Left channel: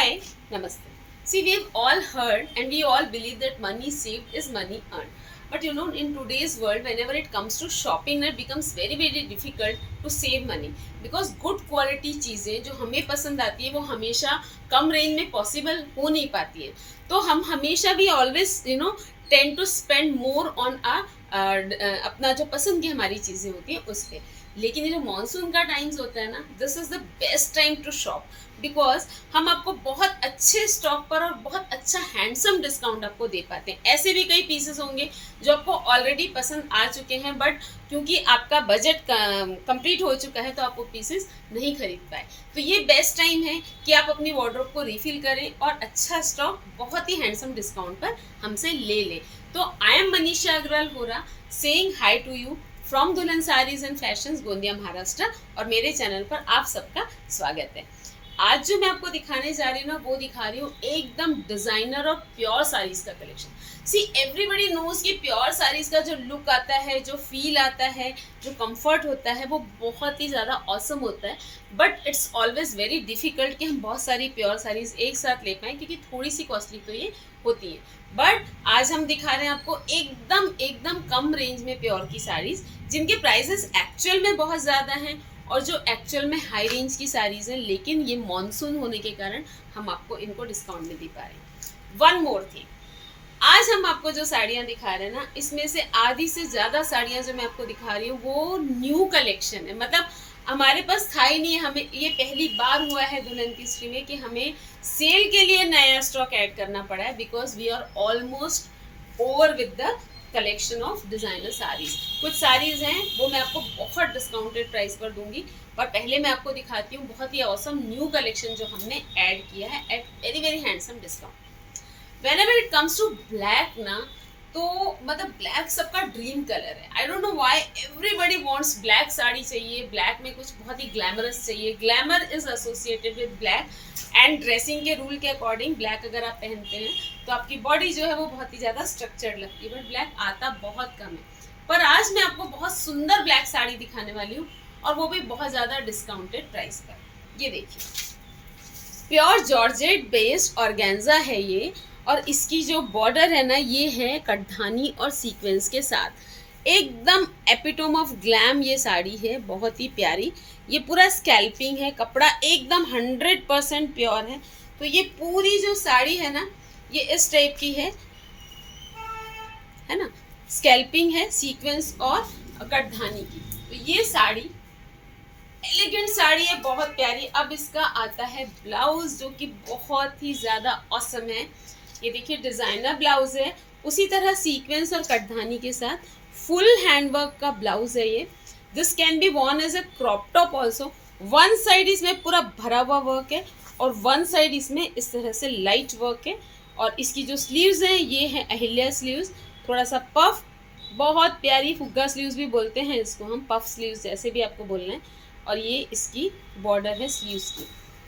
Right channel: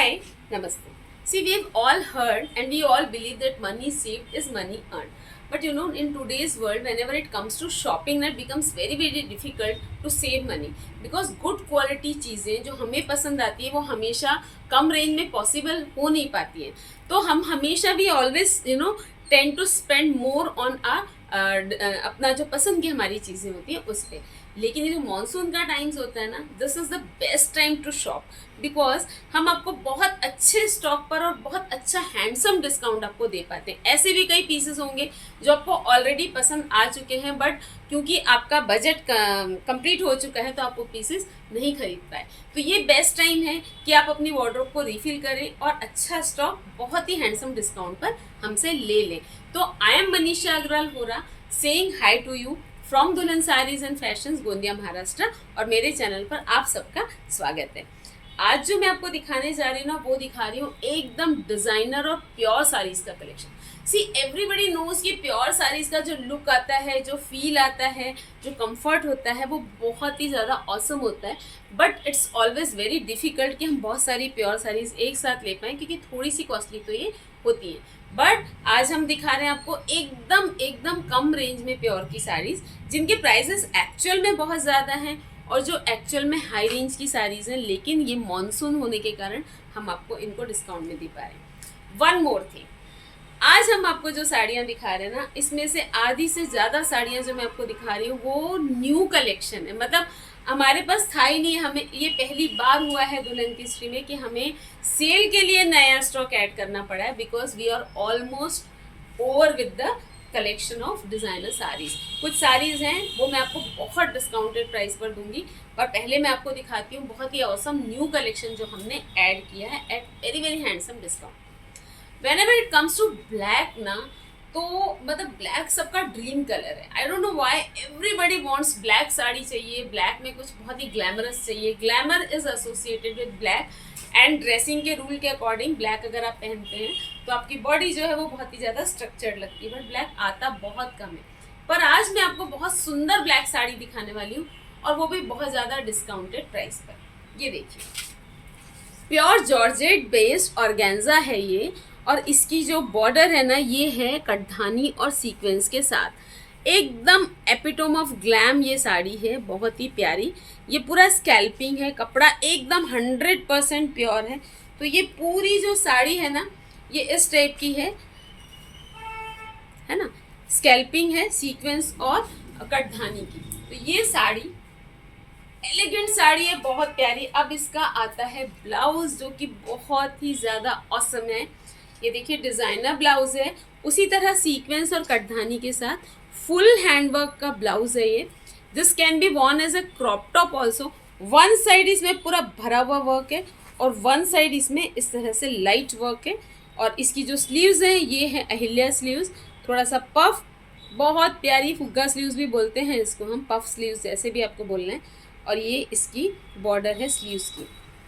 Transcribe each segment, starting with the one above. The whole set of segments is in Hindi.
Hi, Namaste. See, we've all heard and we all believe that money saved is money earned. But you know, in today's world, whenever it comes to shopping, it becomes very, very difficult to save money. Because good quality चीज़ें जो हमें पसंद आती है वो हमेशा कम रेंज में पॉसिबल हो नहीं पाती है. तो हम हमेशा भी always tend to spend more on अपना जो पसंद की हमारी चीज़ें होती हैं उस पर. लेकिन ये जो मानसून का टाइम्स होता है ना, this is the best time to shop because हम आपको बहुत अच्छे स्टॉक पर और बहुत अच्छा हैंडसम डिस्काउंट आपको दे पाते हैं. ऐसे भी कई पीसेस होंगे जो आपको ऑलरेडी पसंद आ चुके हैं बट क्योंकि आपका बजट कंप्लीट हो चुका है तो आप वो पीसेस नहीं खरीद पाए. तो ये बेस्ट टाइम है कि आप अपनी वार्डरोब को रिफिल करें और अच्छा स्टॉक बहुत ही हैंडसम डिस्काउंट पर हमसे ले लें. तो I am Manisha Agarwal Hora saying hi to you from Dulhan saris and fashions Gondia Maharashtra और मेरे चैनल पर आप सबका स्वागत है. आज जो मैं आपको दिखाने जा रही हूँ ना वो दिखा रही हूँ एकदम डिज़ाइनर और प्योर साड़ीज़ का कलेक्शन. सी एवरीबडी नोज कि प्योर साड़ीज़ का जो लुक आता है, जो फील आता है, जो कंफर्ट होता है वो बहुत ही ज़्यादा ऑसम होता है. But it's always very difficult कि हम बहुत सारी प्योर साड़ीज़ एक साथ ले पाएँ क्योंकि थोड़ी सी कॉस्टली तो ये होती है. बट आज हम दिखा रहे हैं आपको एकदम कम रेंज में प्योर की साड़ीज़ जिनके प्राइसेस एक्चुअल में बहुत ज़्यादा हैं और जो एक्चुअल में हाई रेंज की साड़ीज़ हैं, लेकिन ये मॉनसून होने के कारण हम आपको इनको डिस्काउंट में दे पा रहे हैं. वन मोर थिंग, आज हम आपको जो साड़ियाँ दिखा रहे हैं ना, इसमें से आधी से ज़्यादा साड़ियाँ जो मैं आपको दिखा रही हूँ वो न्यू कलेक्शन है. मतलब हमारे पास था ही नहीं, हमें ये पहली बार हुआ है दुल्हन की हिस्ट्री में कि हमें सेल के लिए नया स्टॉक ऐड करना पड़ा है because we are almost over with the collection of designer saris. कुछ साड़ीज़ हैं वो मैं आपको बहुत डिस्काउंटेड प्राइस पर दूंगी पर पहले मैं आपको दिखाती हूँ बहुत ही ऑसम न्यू कलेक्शन जो हमने ऐड किया है at very very handsome discount. Whenever it comes to black ना, तो मतलब ब्लैक सबका ड्रीम कलर है. I don't know why everybody wants black sari चाहिए. ब्लैक में कुछ बहुत ही ग्लैमरस चाहिए. Glamour is associated with black and dressing के रूल के अकॉर्डिंग ब्लैक अगर आप पहनते हैं तो आपकी बॉडी जो है वो बहुत ही ज़्यादा स्ट्रक्चर्ड लगती है. बट ब्लैक आता बहुत कम है. पर आज मैं आपको बहुत सुंदर ब्लैक साड़ी दिखाने वाली हूँ और वो भी बहुत ज़्यादा डिस्काउंटेड प्राइस पर. ये देखिए, प्योर जॉर्जेट बेस्ड ऑर्गेन्जा है ये और इसकी जो बॉर्डर है ना ये है कटधानी और सीक्वेंस के साथ. एकदम एपिटोम ऑफ ग्लैम ये साड़ी है, बहुत ही प्यारी. ये पूरा स्कैल्पिंग है, कपड़ा एकदम 100% प्योर है. तो ये पूरी जो साड़ी है ना ये इस टाइप की है ना. स्कैल्पिंग है, सीक्वेंस और कटधानी की. तो ये साड़ी एलिगेंट साड़ी है, बहुत प्यारी. अब इसका आता है ब्लाउज जो कि बहुत ही ज़्यादा ऑसम है. ये देखिए डिज़ाइनर ब्लाउज है, उसी तरह सीक्वेंस और कटधानी के साथ फुल हैंडवर्क का ब्लाउज है ये. This can be worn as a crop top also. One side इसमें पूरा भरा हुआ वर्क है और वन साइड इसमें इस तरह से लाइट वर्क है. और इसकी जो स्लीव्स हैं ये है अहिल्या स्लीव्स, थोड़ा सा पफ, बहुत प्यारी फुग्गा स्लीव्स भी बोलते हैं इसको हम, पफ स्लीव्स जैसे भी आपको बोलना है. और ये इसकी बॉर्डर है स्लीव्स की.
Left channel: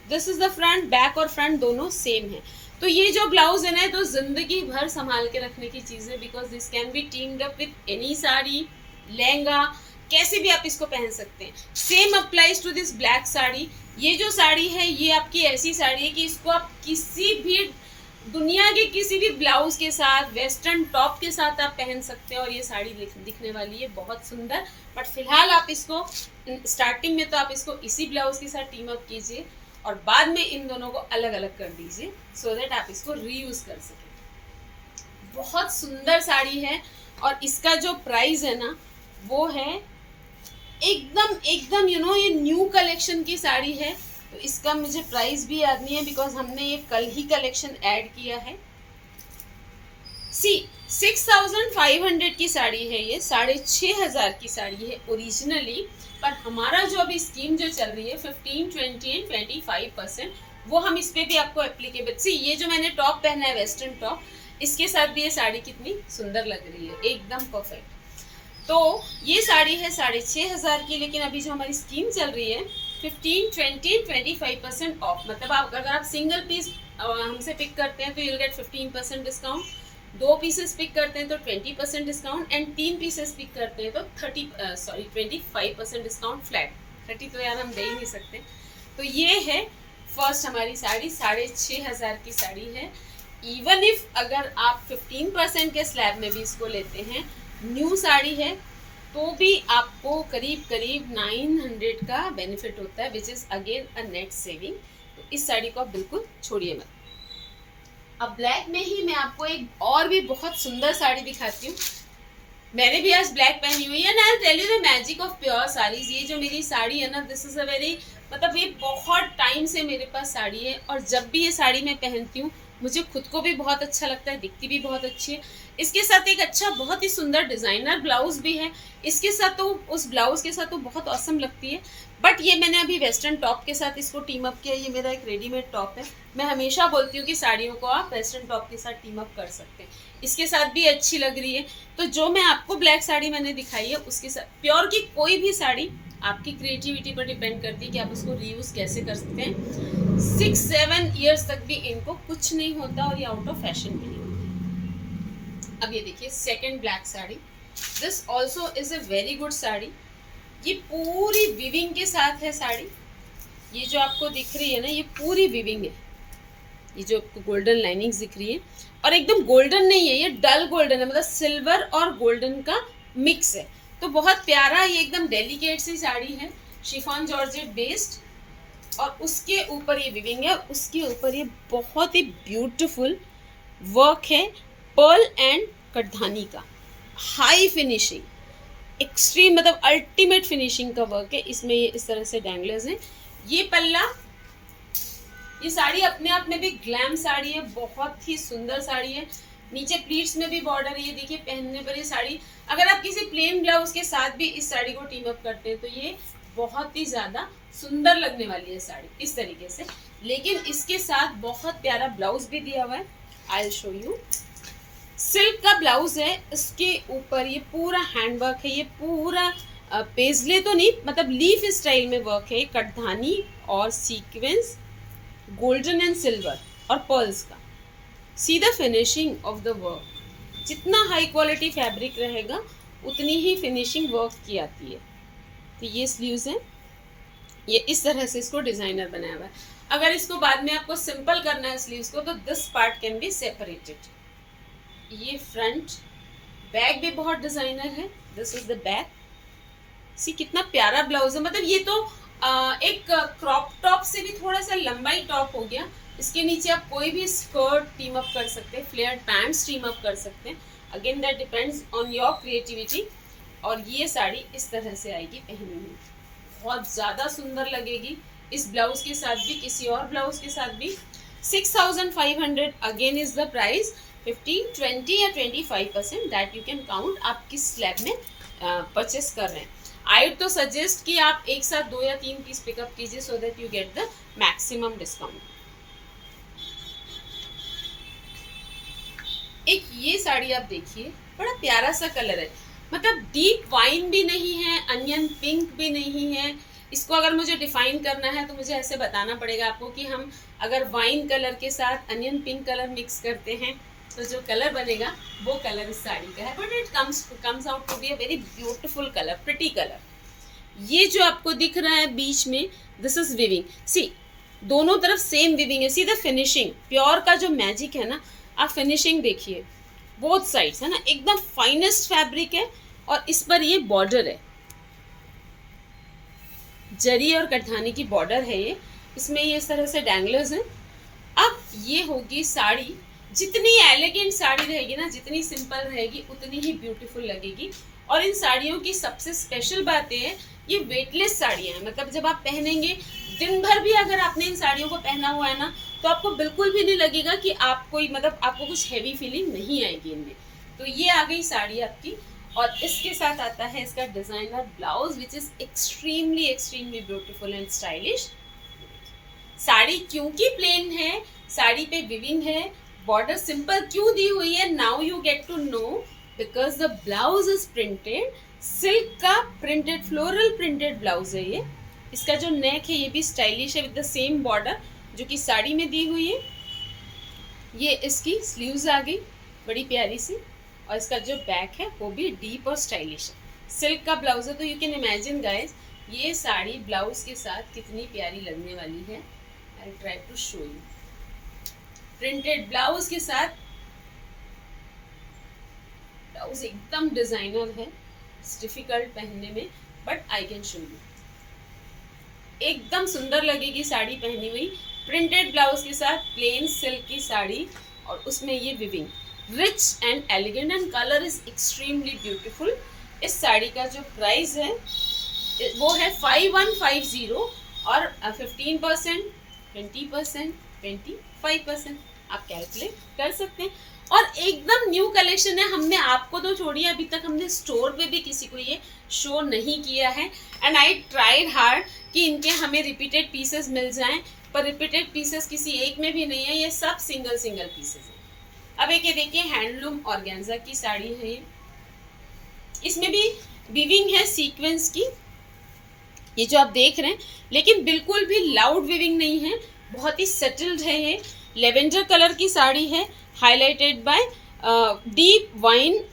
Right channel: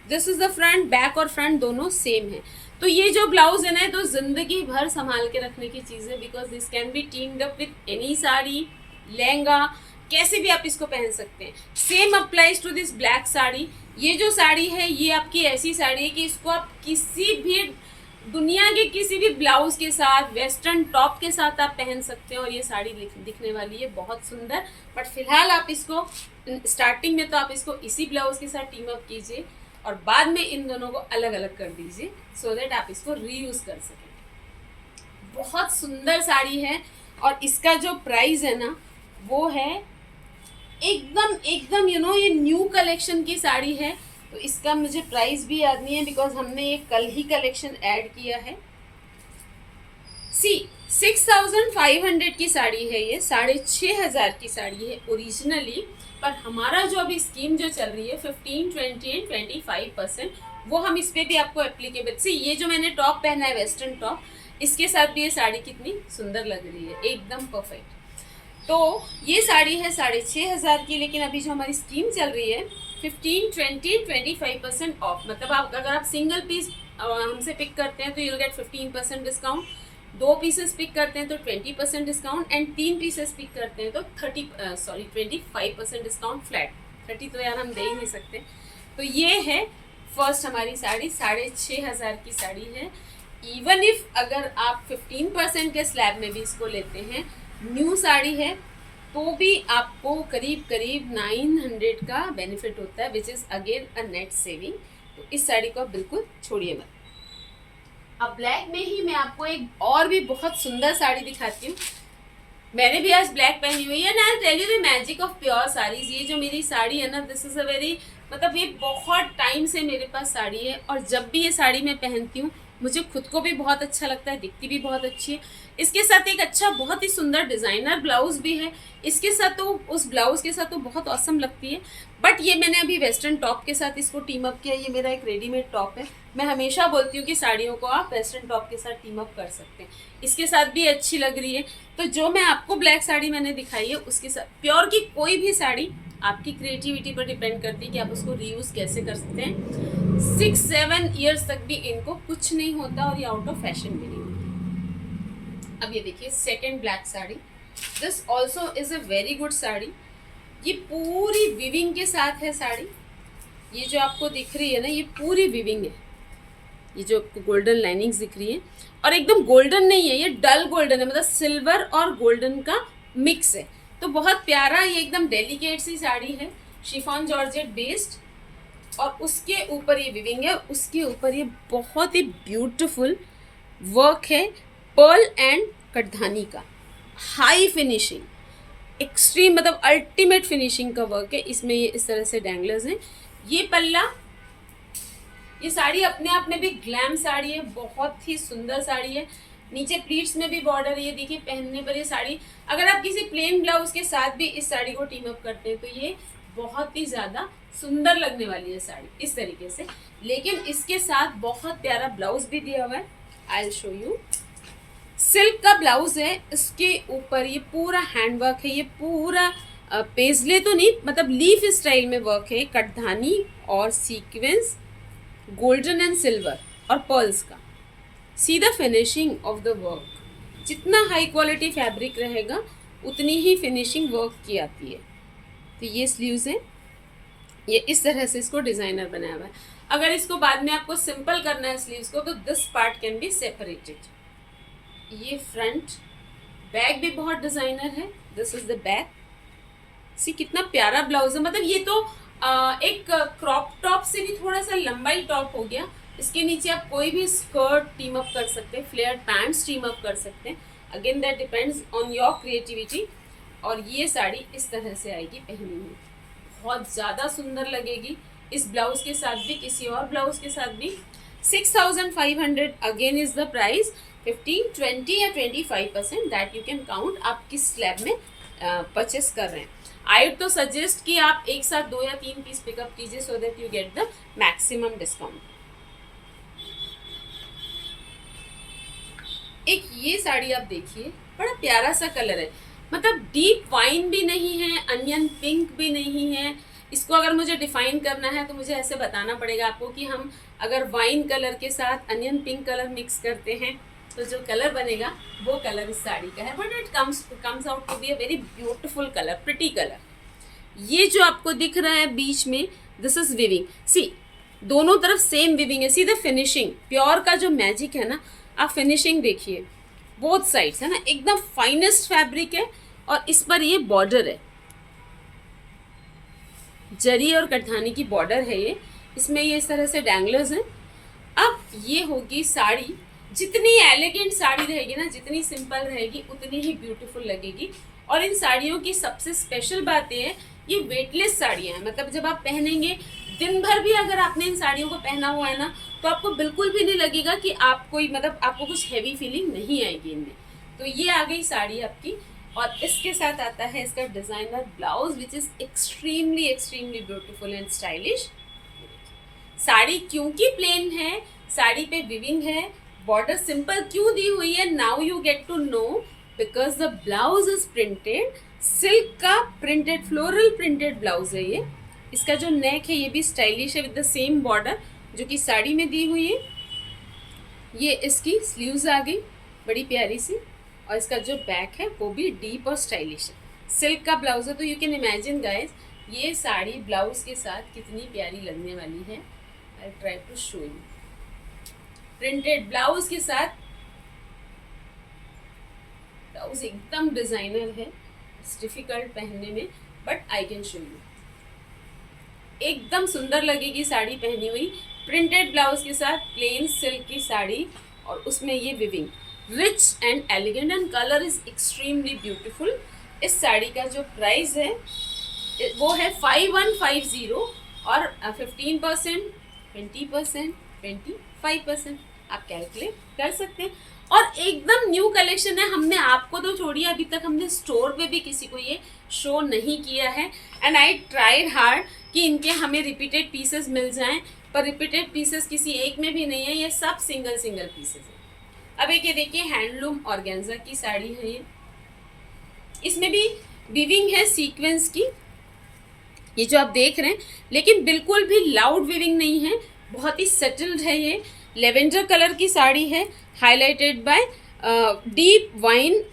This is the front. Back और फ्रंट दोनों सेम है. तो ये जो ब्लाउज है ना तो ज़िंदगी भर संभाल के रखने की चीज़ है because this can be teamed up with any sari, lehenga, कैसे भी आप इसको पहन सकते हैं. Same applies to this black sari. ये जो साड़ी है ये आपकी ऐसी साड़ी है कि इसको आप किसी भी दुनिया के किसी भी ब्लाउज के साथ, वेस्टर्न टॉप के साथ आप पहन सकते हैं और ये साड़ी दिखने वाली है बहुत सुंदर. बट फिलहाल आप इसको स्टार्टिंग में तो आप इसको इसी ब्लाउज के साथ टीम अप कीजिए और बाद में इन दोनों को अलग अलग कर दीजिए सो दैट आप इसको रीयूज़ कर सकें. बहुत सुंदर साड़ी है और इसका जो प्राइस है ना वो है एकदम ये न्यू कलेक्शन की साड़ी है. तो इसका मुझे प्राइस भी याद नहीं है बिकॉज हमने ये कल ही कलेक्शन ऐड किया है. सी 6500 की साड़ी है ये, 6500 की साड़ी है ओरिजिनली. पर हमारा जो अभी स्कीम जो चल रही है 15, 20 एंड 25% वो हम इस पर भी आपको एप्लीकेबल. सी ये जो मैंने टॉप पहना है वेस्टर्न टॉप, इसके साथ भी ये साड़ी कितनी सुंदर लग रही है, एकदम परफेक्ट. तो ये साड़ी है 6500 की. लेकिन अभी जो हमारी स्कीम चल रही है 15, 20, 25% ऑफ. मतलब आप अगर आप सिंगल पीस हमसे पिक करते हैं तो you'll get 15% discount. 2 pieces pick करते हैं तो 20% डिस्काउंट एंड 3 पीसेस पिक करते हैं तो 25% डिस्काउंट फ्लैट. 30 तो यार हम दे ही नहीं सकते. तो ये है फर्स्ट हमारी साड़ी 6,500 की साड़ी है। इवन इफ अगर आप 15% के स्लैब में भी इसको लेते हैं, न्यू साड़ी है, तो भी आपको करीब करीब 900 का बेनिफिट होता है, which is again a net saving. तो इस साड़ी को आप बिल्कुल छोड़िए मत। अब ब्लैक में ही मैं आपको एक और भी बहुत सुंदर साड़ी दिखाती हूँ। मैंने भी आज ब्लैक पहनी हुई है ना। I tell you the magic of pure saris. ये जो मेरी साड़ी है ना, दिस इज़ अ वेरी, मतलब ये बहुत टाइम से मेरे पास साड़ी है, और जब भी ये साड़ी मैं पहनती हूँ मुझे खुद को भी बहुत अच्छा लगता है, दिखती भी बहुत अच्छी है। इसके साथ एक अच्छा बहुत ही सुंदर डिज़ाइनर ब्लाउज भी है इसके साथ, तो उस ब्लाउज़ के साथ तो बहुत औसम लगती है। बट ये मैंने अभी वेस्टर्न टॉप के साथ इसको टीम अप किया। ये मेरा एक रेडीमेड टॉप है। मैं हमेशा बोलती हूँ कि साड़ियों को आप वेस्टर्न टॉप के साथ टीम अप कर सकते हैं, इसके साथ भी अच्छी लग रही है। तो जो मैं आपको ब्लैक साड़ी मैंने दिखाई है उसके साथ, प्योर की कोई भी साड़ी आपकी क्रिएटिविटी पर डिपेंड करती है कि आप उसको रीयूज़ कैसे कर सकते हैं। 6-7 ईयर्स तक भी इनको कुछ नहीं होता, और ये आउट ऑफ फैशन भी नहीं होती। अब ये देखिए second black sari, this also is a very good sari. ये पूरी विविंग के साथ है साड़ी। ये जो आपको दिख रही है ना, ये पूरी विविंग है। ये जो आपको गोल्डन लाइनिंग्स दिख रही है, और एकदम गोल्डन नहीं है, ये डल गोल्डन है, मतलब सिल्वर और गोल्डन का मिक्स है। तो बहुत प्यारा, ये एकदम डेलिकेट सी साड़ी है, शिफॉन जॉर्जेट बेस्ड, और उसके ऊपर ये विविंग है, उसके ऊपर ये बहुत ही ब्यूटीफुल वर्क है पर्ल एंड कटधानी का, हाई फिनिशिंग, एक्सट्रीम, मतलब अल्टीमेट फिनिशिंग का वर्क है इसमें। ये इस तरह से डैंगलर्स हैं। ये पल्ला, ये साड़ी अपने आप में भी ग्लैम साड़ी है, बहुत ही सुंदर साड़ी है। नीचे प्लीट्स में भी बॉर्डर है, ये देखिए पहनने पर ये साड़ी, अगर आप किसी प्लेन ब्लाउज के साथ भी इस साड़ी को टीम अप करते हैं तो ये बहुत ही ज़्यादा सुंदर लगने वाली है साड़ी इस तरीके से। लेकिन इसके साथ बहुत प्यारा ब्लाउज भी दिया हुआ है, I will show you. Silk का ब्लाउज है, इसके ऊपर ये पूरा हैंड वर्क है, ये पूरा पेजले तो नहीं, मतलब लीफ स्टाइल में वर्क है, कटधानी और सीक्वेंस, गोल्डन एंड सिल्वर और पर्ल्स का। See the finishing of the work, जितना हाई क्वालिटी फैब्रिक रहेगा उतनी ही फिनिशिंग वर्क की आती है। तो ये स्लीव्स हैं, ये इस तरह से इसको डिज़ाइनर बनाया हुआ है। अगर इसको बाद में आपको सिंपल करना है स्लीव्स को, तो this part can be separated. ये फ्रंट, बैक भी बहुत डिज़ाइनर है, दिस इज़ द बैक। सी कितना प्यारा ब्लाउज है, मतलब ये तो एक क्रॉप टॉप से भी थोड़ा सा लंबाई टॉप हो गया। इसके नीचे आप कोई भी स्कर्ट टीम अप कर सकते हैं, फ्लेयर्ड पैंट्स टीम अप कर सकते हैं, again that depends on your creativity. और ये साड़ी इस तरह से आएगी पहनी हुई, बहुत ज़्यादा सुंदर लगेगी इस ब्लाउज के साथ भी, किसी और ब्लाउज के साथ भी। 6,500 अगेन इज़ द प्राइस। 15, 20 या 25% दैट यू कैन काउंट आप किस स्लैब में परचेस कर रहे हैं। आई वुड तो सजेस्ट कि आप एक साथ 2 या 3 पीस पिकअप कीजिए, so that you get the maximum discount. एक ये साड़ी आप देखिए, बड़ा प्यारा सा कलर है, मतलब डीप वाइन भी नहीं है, अनियन पिंक भी नहीं है। इसको अगर मुझे डिफाइन करना है तो मुझे ऐसे बताना पड़ेगा आपको कि हम अगर वाइन कलर के साथ अनियन पिंक कलर मिक्स करते हैं तो जो कलर बनेगा वो कलर इस साड़ी का है। But it comes out to be a very beautiful colour, pretty colour. ये जो आपको दिख रहा है बीच में, दिस इज विविंग। सी दोनों तरफ सेम विविंग है। सी द फिनिशिंग, प्योर का जो मैजिक है ना, आप फिनिशिंग देखिए, बोथ साइड्स है ना, एकदम फाइनेस्ट फैब्रिक है। और इस पर ये बॉर्डर है, जरी और कटधानी की बॉर्डर है ये, इसमें ये इस तरह से डैंगलर्स हैं। अब ये होगी साड़ी, जितनी एलिगेंट साड़ी रहेगी ना, जितनी सिंपल रहेगी उतनी ही ब्यूटीफुल लगेगी। और इन साड़ियों की सबसे स्पेशल बात ये है, ये वेटलेस साड़ियाँ हैं, मतलब जब आप पहनेंगे दिन भर भी अगर आपने इन साड़ियों को पहना हुआ है ना, तो आपको बिल्कुल भी नहीं लगेगा कि आप कोई, मतलब आपको कुछ हैवी फीलिंग नहीं आएगी इनमें। तो ये आ गई साड़ी आपकी, और इसके साथ आता है इसका designer blouse which is extremely extremely beautiful and stylish. Sari क्योंकि प्लेन है, साड़ी पे विविंग है, बॉर्डर सिंपल क्यों दी हुई है, now you get to know, because the blouse is printed, silk का प्रिंटेड, फ्लोरल प्रिंटेड ब्लाउज है ये। इसका जो नेक है ये भी स्टाइलिश है विद द सेम बॉर्डर जो कि साड़ी में दी हुई है। ये इसकी स्लीव्स आ गई बड़ी प्यारी सी, और इसका जो बैक है वो भी डीप और स्टाइलिश है। सिल्क का ब्लाउज है, तो यू कैन इमेजिन गाइज ये साड़ी ब्लाउज के साथ कितनी प्यारी लगने वाली है। I try to show you. Printed blouse के साथ, ब्लाउज एकदम डिजाइनर है, इट्स डिफिकल्ट पहनने में but I can show you. एकदम सुंदर लगेगी साड़ी पहनी हुई, प्रिंटेड ब्लाउज के साथ प्लेन सिल्क की साड़ी, और उसमें ये viewing, rich and elegant and colour is extremely beautiful. इस साड़ी का जो प्राइस है वो है 5150 और 15%, 20%, 25% आप कैलकुलेट कर सकते हैं। और एकदम न्यू कलेक्शन है, हमने आपको तो छोड़िए, अभी तक हमने स्टोर पे भी किसी को ये शो नहीं किया है। एंड आई ट्राइड हार्ड कि इनके हमें रिपीटेड पीसेस मिल जाएं, पर रिपीटेड पीसेस किसी एक में भी नहीं है, ये सब सिंगल सिंगल पीसेस हैं। अब एक ये देखिए हैंडलूम ऑर्गेन्जा की साड़ी है ये, इसमें भी वीविंग है सीक्वेंस की, ये जो आप देख रहे हैं, लेकिन बिल्कुल भी लाउड वीविंग नहीं है, बहुत ही सेटल्ड है। ये लेवेंडर कलर की साड़ी है, highlighted by deep wine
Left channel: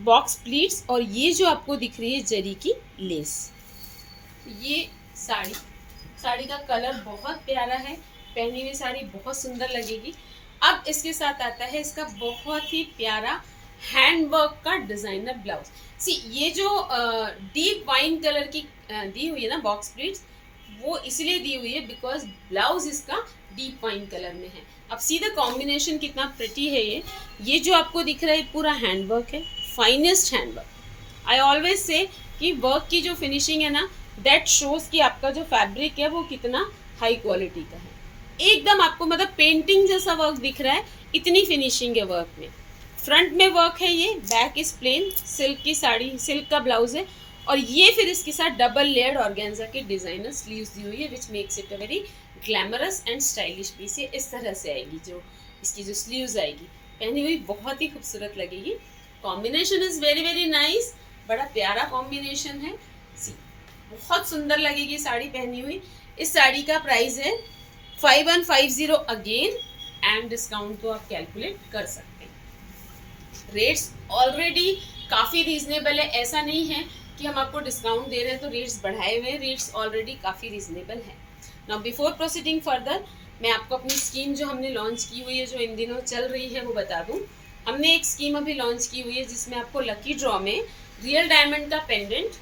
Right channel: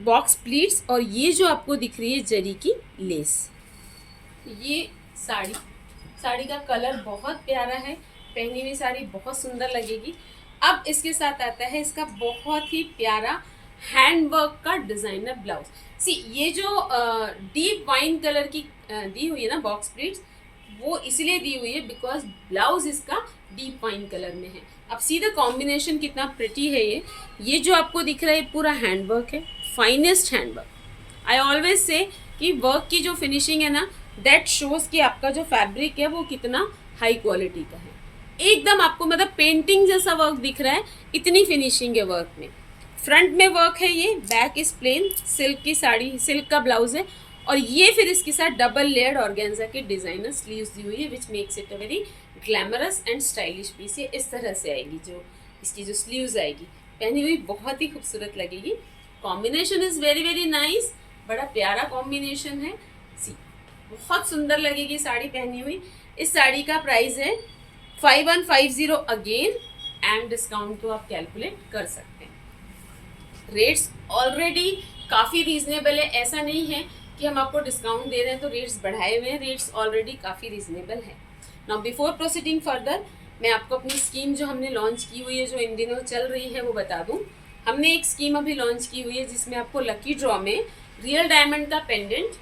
box pleats, और ये जो आपको दिख रही है जरी की लेस। ये साड़ी का कलर बहुत प्यारा है, पहनी हुई साड़ी बहुत सुंदर लगेगी। अब इसके साथ आता है इसका बहुत ही प्यारा हैंडवर्क का डिजाइनर ब्लाउज। सी ये जो डीप वाइन कलर की दी हुई है ना बॉक्स प्लीट्स, वो इसलिए दी हुई है बिकॉज ब्लाउज इसका डीप वाइन कलर में है। अब सी द कॉम्बिनेशन कितना प्रिटी है ये जो आपको दिख रहा है पूरा हैंडवर्क है, finest handwork. I always say कि वर्क की जो फिनिशिंग है ना, दैट शोज कि आपका जो फैब्रिक है वो कितना हाई क्वालिटी का है। एकदम आपको मतलब पेंटिंग जैसा वर्क दिख रहा है, इतनी फिनिशिंग है वर्क में। फ्रंट में वर्क है, ये बैक इज प्लेन, सिल्क की साड़ी, सिल्क का ब्लाउज है, और ये फिर इसके साथ डबल लेयर्ड ऑर्गेन्जा के डिजाइनर स्लीव्स दी हुई है, which makes it a very glamorous and stylish piece. ये इस तरह से आएगी, जो इसकी जो स्लीव्स आएगी पहनी हुई बहुत ही खूबसूरत लगेगी। Combination is very very nice, बड़ा प्यारा कॉम्बिनेशन है। सी बहुत सुंदर लगेगी साड़ी पहनी हुई। इस साड़ी का प्राइस है 5150 अगेन, एंड डिस्काउंट तो आप कैलकुलेट कर सकते हैं। रेट्स ऑलरेडी काफ़ी रीजनेबल है, ऐसा नहीं है कि हम आपको डिस्काउंट दे रहे हैं तो रेट्स बढ़ाए हुए हैं, रेट्स ऑलरेडी काफ़ी रीजनेबल है। नाउ बिफोर प्रोसीडिंग फर्दर, मैं आपको अपनी स्कीम जो हमने लॉन्च की हुई है, जो इन दिनों चल रही है, वो बता दूं। हमने एक स्कीम अभी लॉन्च की हुई है जिसमें आपको लकी ड्रॉ में रियल डायमंड का पेंडेंट,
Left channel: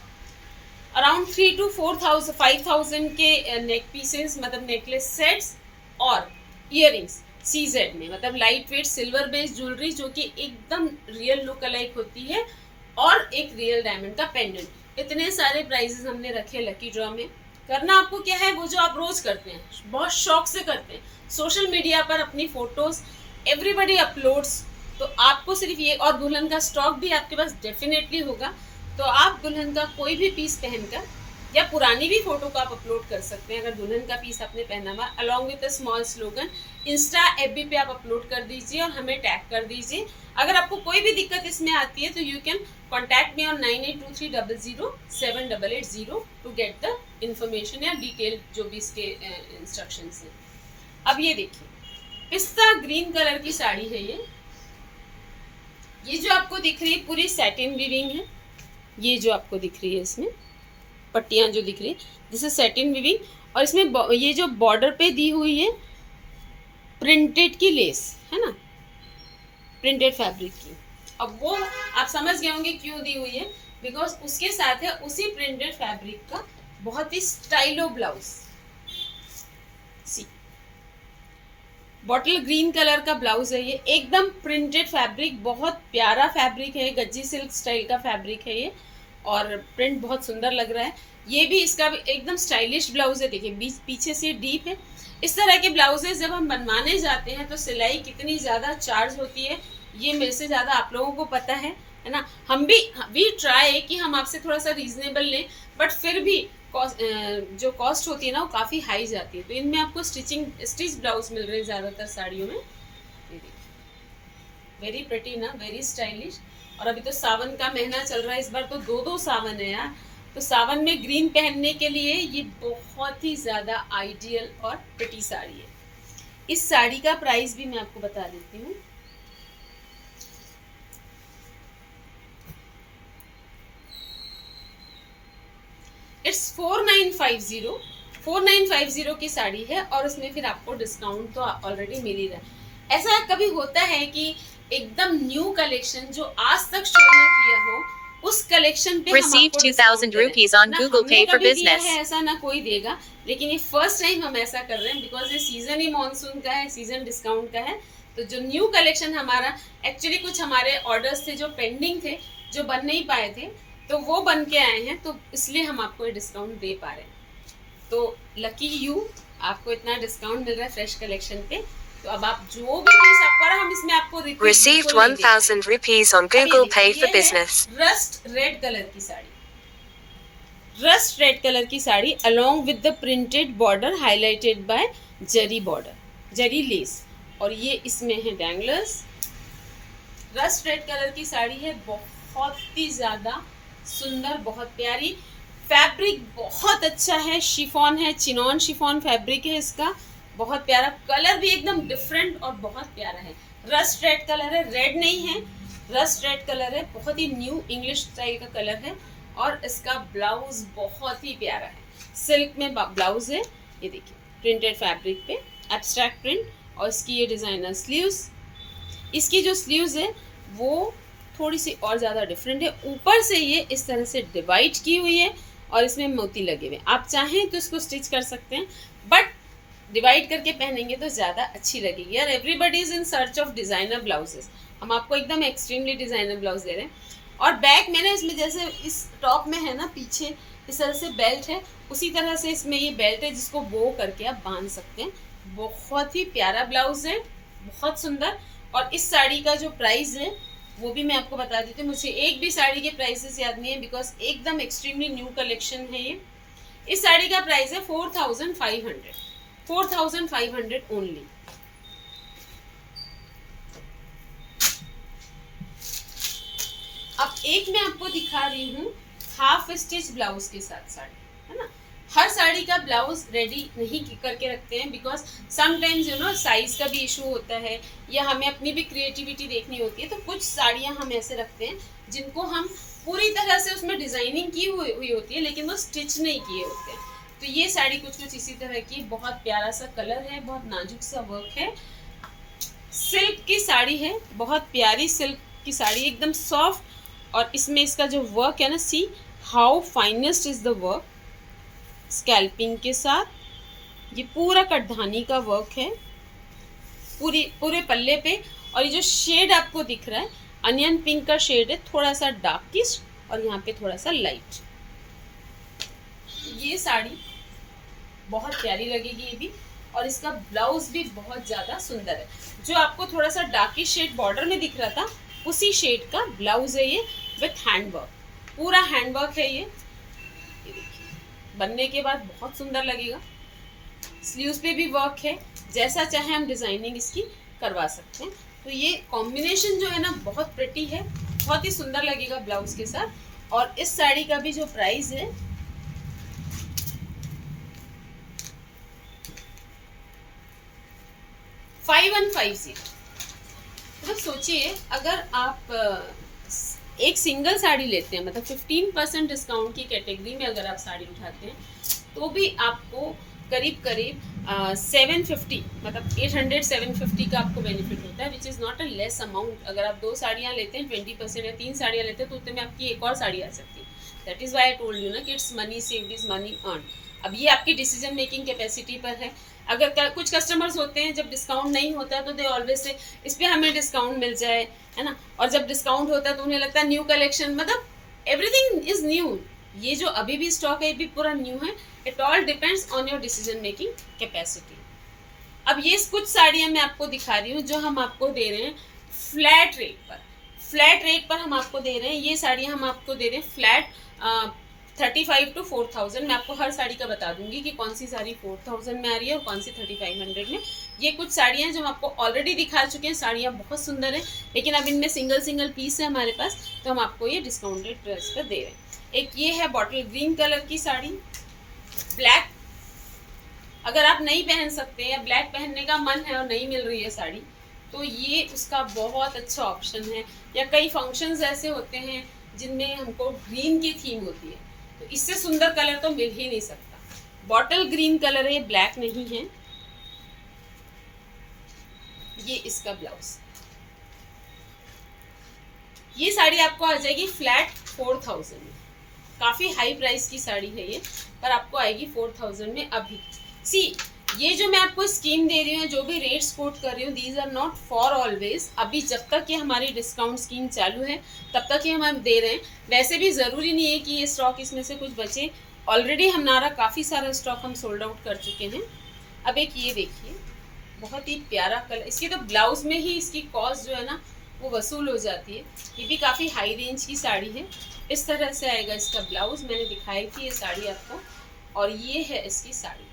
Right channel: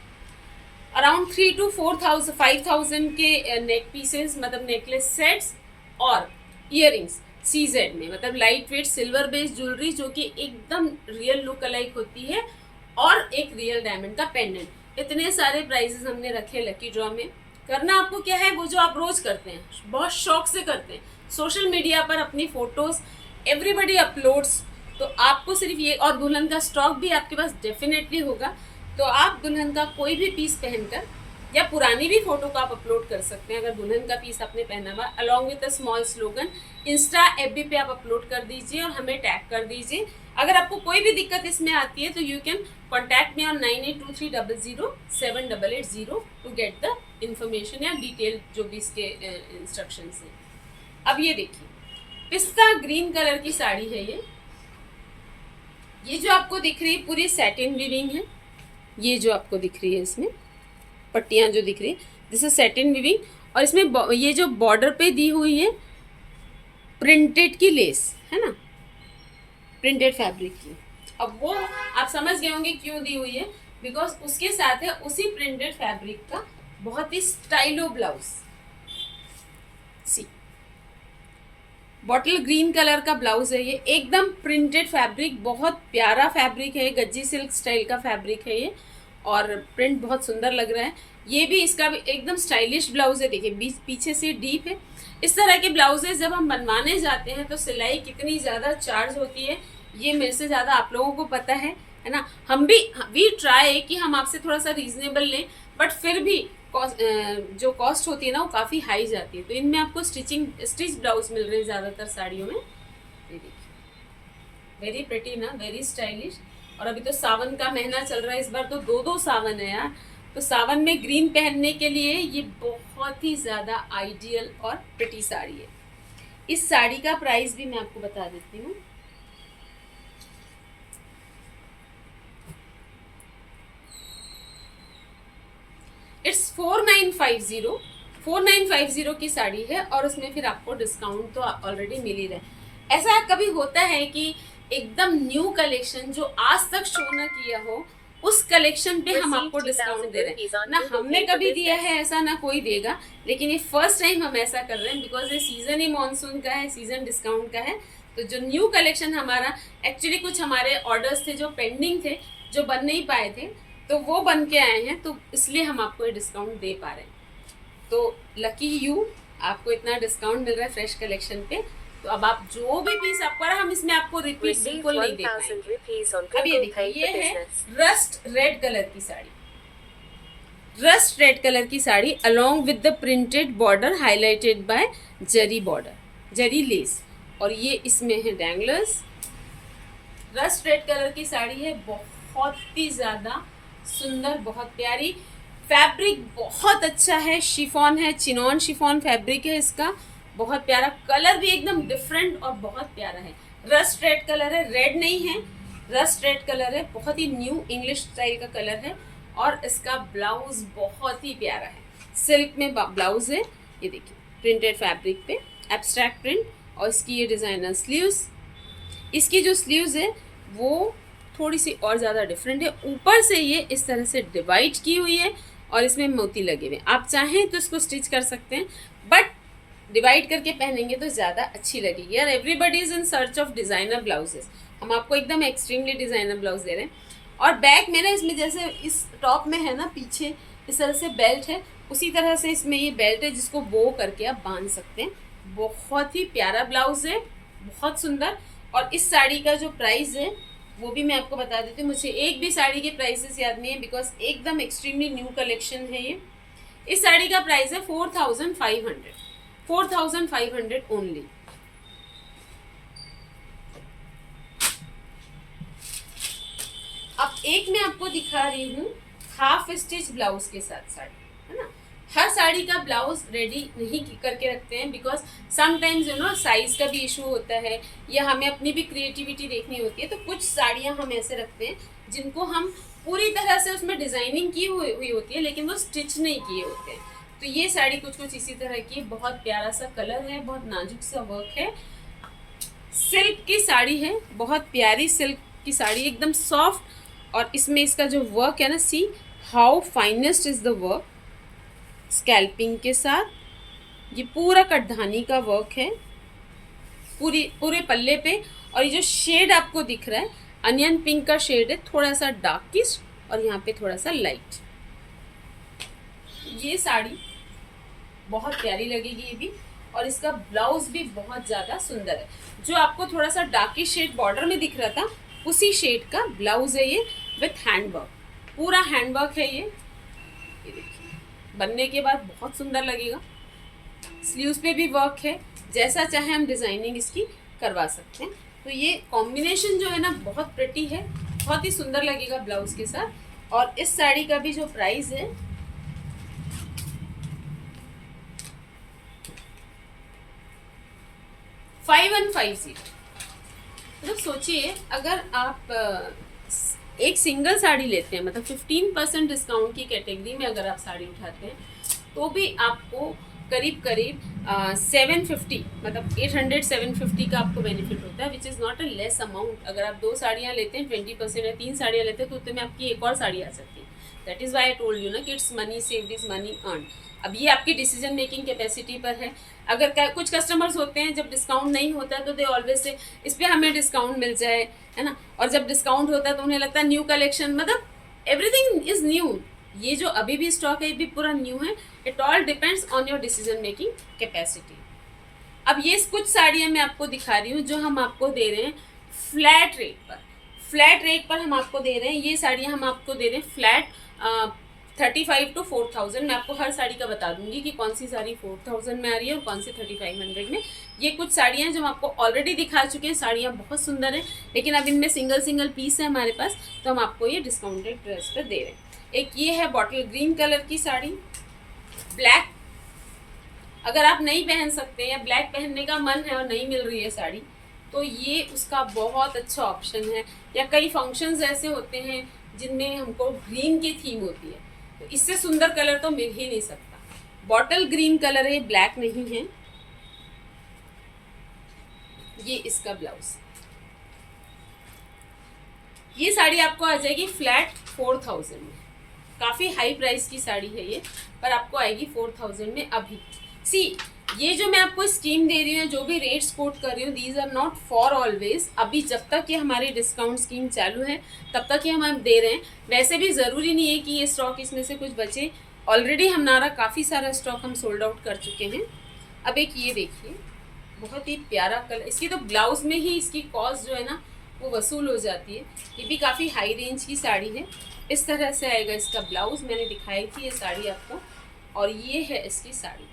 अराउंड 3 to 4,000 5,000 के नेक पीसेस मतलब नेकलेस सेट्स, और ईयरिंग्स CZ में, मतलब light weight silver based jewellery जो कि एकदम रियल लुक अलाइक होती है, और एक रियल डायमंड का पेंडेंट। इतने सारे प्राइजेस हमने रखे लकी ड्रॉ में। करना आपको क्या है, वो जो आप रोज करते हैं, बहुत शौक से करते हैं, सोशल मीडिया पर अपनी फोटोज एवरीबडी अपलोड्स, तो आपको सिर्फ ये, और दुल्हन का स्टॉक भी आपके पास डेफिनेटली होगा, तो आप दुल्हन का कोई भी पीस पहनकर, या पुरानी भी फोटो को आप अपलोड कर सकते हैं अगर दुल्हन का पीस आपने पहना हुआ, along with a small slogan, Insta FB पे आप अपलोड कर दीजिए और हमें टैग कर दीजिए। अगर आपको कोई भी दिक्कत इसमें आती है तो you can contact me on 9823000780 to get the information या डिटेल जो भी इसके इंस्ट्रक्शंस हैं। अब ये देखिए, पिस्ता ग्रीन कलर की साड़ी है ये जो आपको दिख रही है पूरी सैटिन वीविंग है। ये जो आपको दिख रही है इसमें पट्टियाँ जो दिख रही है, दिस इज सैटिन वीविंग, और इसमें ये जो बॉर्डर पे दी हुई है प्रिंटेड की लेस है ना, प्रिंटेड फैब्रिक की। अब वो आप समझ गए होंगे क्यों दी हुई है, बिकॉज उसके साथ है उसी प्रिंटेड फैब्रिक का बहुत ही स्टाइलो ब्लाउज। सी बॉटल ग्रीन कलर का ब्लाउज है ये, एकदम प्रिंटेड फैब्रिक, बहुत प्यारा फैब्रिक है, गज्जी सिल्क स्टाइल का फैब्रिक है ये, और प्रिंट बहुत सुंदर लग रहा है। ये भी इसका भी एकदम स्टाइलिश ब्लाउज है, देखिए बीच पीछे से डीप है। इस तरह के ब्लाउजेज जब हम बनवाने जाते हैं तो सिलाई कितनी ज़्यादा चार्ज होती है ये मेरे से ज़्यादा आप लोगों को पता है ना। हम भी ट्राई कि हम आपसे थोड़ा सा रीजनेबल लें, बट फिर भी जो कॉस्ट होती है ना वो काफ़ी हाई जाती है। तो इनमें आपको स्टिच ब्लाउज मिल रहे हैं ज़्यादातर साड़ियों में। ये देखिए, वेरी प्रिटी ना, वेरी स्टाइलिश। और अभी तो सावन का महीना चल रहा है, इस बार तो दो सावन है यार, तो सावन में ग्रीन पहनने के लिए ये बहुत ही ज़्यादा आइडियल और प्रिटी साड़ी है। इस साड़ी का प्राइस भी मैं आपको बता देती हूँ। इट्स 4950 4950 की साड़ी है और उसमें फिर आपको डिस्काउंट तो ऑलरेडी मिल ही रहा है। ऐसा कभी होता है कि एकदम न्यू कलेक्शन जो आज तक शो ना किया हो उस कलेक्शन पे हम आपको डिस्काउंट दे रहे हैं ना, हमने कभी दिया है ऐसा, ना कोई देगा, लेकिन ये फर्स्ट टाइम हम ऐसा कर रहे हैं बिकॉज ये सीजन ही मॉनसून का है, सीजन डिस्काउंट का है। तो जो न्यू कलेक्शन हमारा, एक्चुअली कुछ हमारे ऑर्डर्स थे जो पेंडिंग थे, जो बन नहीं पाए थे, तो वो बन के आए हैं, तो इसलिए हम आपको ये डिस्काउंट दे पा रहे हैं। तो लकी यू, आपको इतना डिस्काउंट मिल रहा है फ्रेश कलेक्शन पे। तो अब आप जो भी पीस आपका रहा, हम इसमें आपको Received 1000 rupees on Google Pay for business. Rust red colour की साड़ी, रस्ट रेड कलर की sari along with the printed border highlighted by zari border, zari lace, और ये इसमें है डैंगलर्स। रस्ट रेड कलर की साड़ी है, बहुत ही ज़्यादा सुंदर, बहुत प्यारी। फैब्रिक बहुत अच्छा है, शिफॉन है, चिनॉन शिफॉन फैब्रिक है इसका, बहुत प्यारा। कलर भी एकदम डिफरेंट और बहुत प्यारा है। रस्ट रेड कलर है, रेड नहीं है, रस्ट रेड कलर है, बहुत ही न्यू इंग्लिश स्टाइल का कलर है। और इसका ब्लाउज बहुत ही प्यारा है, सिल्क में ब्लाउज है, ये देखिए प्रिंटेड फैब्रिक पे एब्स्ट्रैक्ट प्रिंट, और इसकी ये डिज़ाइनर स्लीव्स। इसकी जो स्लीव्स है वो थोड़ी सी और ज़्यादा डिफरेंट है, ऊपर से ये इस तरह से डिवाइड की हुई है और इसमें मोती लगे हुए। आप चाहें तो इसको स्टिच कर सकते हैं, बट डिवाइड करके पहनेंगे तो ज़्यादा अच्छी लगेगी। यार everybody is in search of designer blouses, हम आपको एकदम एक्सट्रीमली डिज़ाइनर ब्लाउज दे रहे हैं। और बैक में ना इसमें जैसे इस टॉप में है ना पीछे इस तरह से बेल्ट है, उसी तरह से इसमें ये बेल्ट है जिसको बो करके आप बांध सकते हैं। बहुत ही प्यारा ब्लाउज है, बहुत सुंदर। और इस साड़ी का जो प्राइस है वो भी मैं आपको बता देती हूँ, मुझे एक भी साड़ी के प्राइसेस याद नहीं है बिकॉज एकदम एक्सट्रीमली न्यू कलेक्शन है ये। इस साड़ी का प्राइस है 4500, 4500 ओनली। अब एक मैं आपको दिखा रही हूँ हाफ स्टिच ब्लाउज के साथ साड़ी, है ना। हर साड़ी का ब्लाउज रेडी नहीं करके रखते हैं because sometimes you know size का भी इशू होता है, या हमें अपनी भी क्रिएटिविटी देखनी होती है। तो कुछ साड़ियाँ हम ऐसे रखते हैं जिनको हम पूरी तरह से उसमें डिज़ाइनिंग की हुई होती है लेकिन वो स्टिच नहीं किए होते हैं। तो ये साड़ी कुछ इसी तरह की, बहुत प्यारा सा कलर है, बहुत नाजुक सा वर्क है, सिल्क की साड़ी है, बहुत प्यारी सिल्क की साड़ी, एकदम सॉफ्ट। और इसमें इसका जो वर्क है ना, see how finest is the work, scalloping के साथ ये पूरा कटधानी का वर्क है पूरे पल्ले पे। और ये जो शेड आपको दिख रहा है अनियन पिंक का शेड है, थोड़ा सा डार्किश और यहाँ पे थोड़ा सा लाइट। ये साड़ी बहुत प्यारी लगेगी ये भी, और इसका ब्लाउज भी बहुत ज़्यादा सुंदर है। जो आपको थोड़ा सा डार्किश शेड बॉर्डर में दिख रहा था उसी शेड का ब्लाउज है ये, विथ हैंडवर्क, पूरा हैंडवर्क है ये देखिए, बनने के बाद बहुत सुंदर लगेगा। स्लीव्स पे भी वर्क है, जैसा चाहे हम डिज़ाइनिंग इसकी करवा सकते हैं। तो ये कॉम्बिनेशन जो है ना बहुत प्रिटी है, बहुत ही सुंदर लगेगा ब्लाउज के साथ। और इस साड़ी का भी जो प्राइस है 5150। मतलब सोचिए अगर आप एक सिंगल साड़ी लेते हैं, मतलब 15% डिस्काउंट की कैटेगरी में अगर आप साड़ी उठाते हैं तो भी आपको करीब 750, मतलब 800-750 का आपको बेनिफिट होता है, which is not a less amount. अगर आप 2 साड़ियाँ लेते हैं 20% या 3 साड़ियाँ लेते हैं तो उतने में आपकी एक और साड़ी आ सकती है। That is why I told you ना कि it's money saved is money earn. अब ये आपकी डिसीजन मेकिंग कैपेसिटी पर है। अगर कुछ कस्टमर्स होते हैं जब डिस्काउंट नहीं होता है तो दे ऑलवेज से इस पर हमें डिस्काउंट मिल जाए, है ना, और जब डिस्काउंट होता है तो उन्हें लगता है न्यू कलेक्शन, मतलब एवरीथिंग इज़ न्यू। ये जो अभी भी स्टॉक है ये भी पूरा न्यू है। It all depends on your decision making capacity. अब ये कुछ साड़ियाँ मैं आपको दिखा रही हूँ जो हम आपको दे रहे हैं फ्लैट रेट पर। फ्लैट रेट पर हम आपको दे रहे हैं, ये साड़ियाँ हम आपको दे रहे हैं फ्लैट 35 to 4000। मैं आपको हर साड़ी का बता दूंगी कि कौन सी साड़ी 4000 में आ रही है और कौन सी 3500 में। ये कुछ साड़ियाँ हैं जो हम आपको ऑलरेडी दिखा चुके हैं, साड़ियाँ बहुत सुंदर हैं, लेकिन अब इनमें सिंगल पीस है हमारे पास, तो हम आपको ये डिस्काउंटेड प्राइस पर दे रहे हैं। एक ये है बॉटल ग्रीन कलर की साड़ी, ब्लैक अगर आप नहीं पहन सकते या ब्लैक पहनने का मन है और नहीं मिल रही है साड़ी, तो ये उसका बहुत अच्छा ऑप्शन है। या कई फंक्शंस ऐसे होते हैं जिनमें हमको ग्रीन की थीम होती है, तो इससे सुंदर कलर तो मिल ही नहीं सकता। बॉटल ग्रीन कलर है, ब्लैक नहीं है। ये इसका ब्लाउज। ये साड़ी आपको आ जाएगी फ्लैट 4000 में। काफ़ी हाई प्राइस की साड़ी है ये, पर आपको आएगी 4000 में अभी। सी, ये जो मैं आपको स्कीम दे रही हूँ, जो भी रेट्स कोट कर रही हूँ, these are not for always. अभी जब तक ये हमारी डिस्काउंट स्कीम चालू है तब तक ये हम दे रहे हैं। वैसे भी ज़रूरी नहीं है कि ये स्टॉक इसमें से कुछ बचे। ऑलरेडी हमारा काफ़ी सारा स्टॉक हम सोल्ड आउट कर चुके हैं। अब एक ये देखिए, बहुत ही प्यारा कलर। इसकी तो ब्लाउज़ में ही इसकी कॉस्ट जो है ना वो वसूल हो जाती है। ये भी काफ़ी हाई रेंज की साड़ी है। इस तरह से आएगा इसका ब्लाउज़। मैंने दिखाई थी ये साड़ी आपको, और ये है इसकी साड़ी।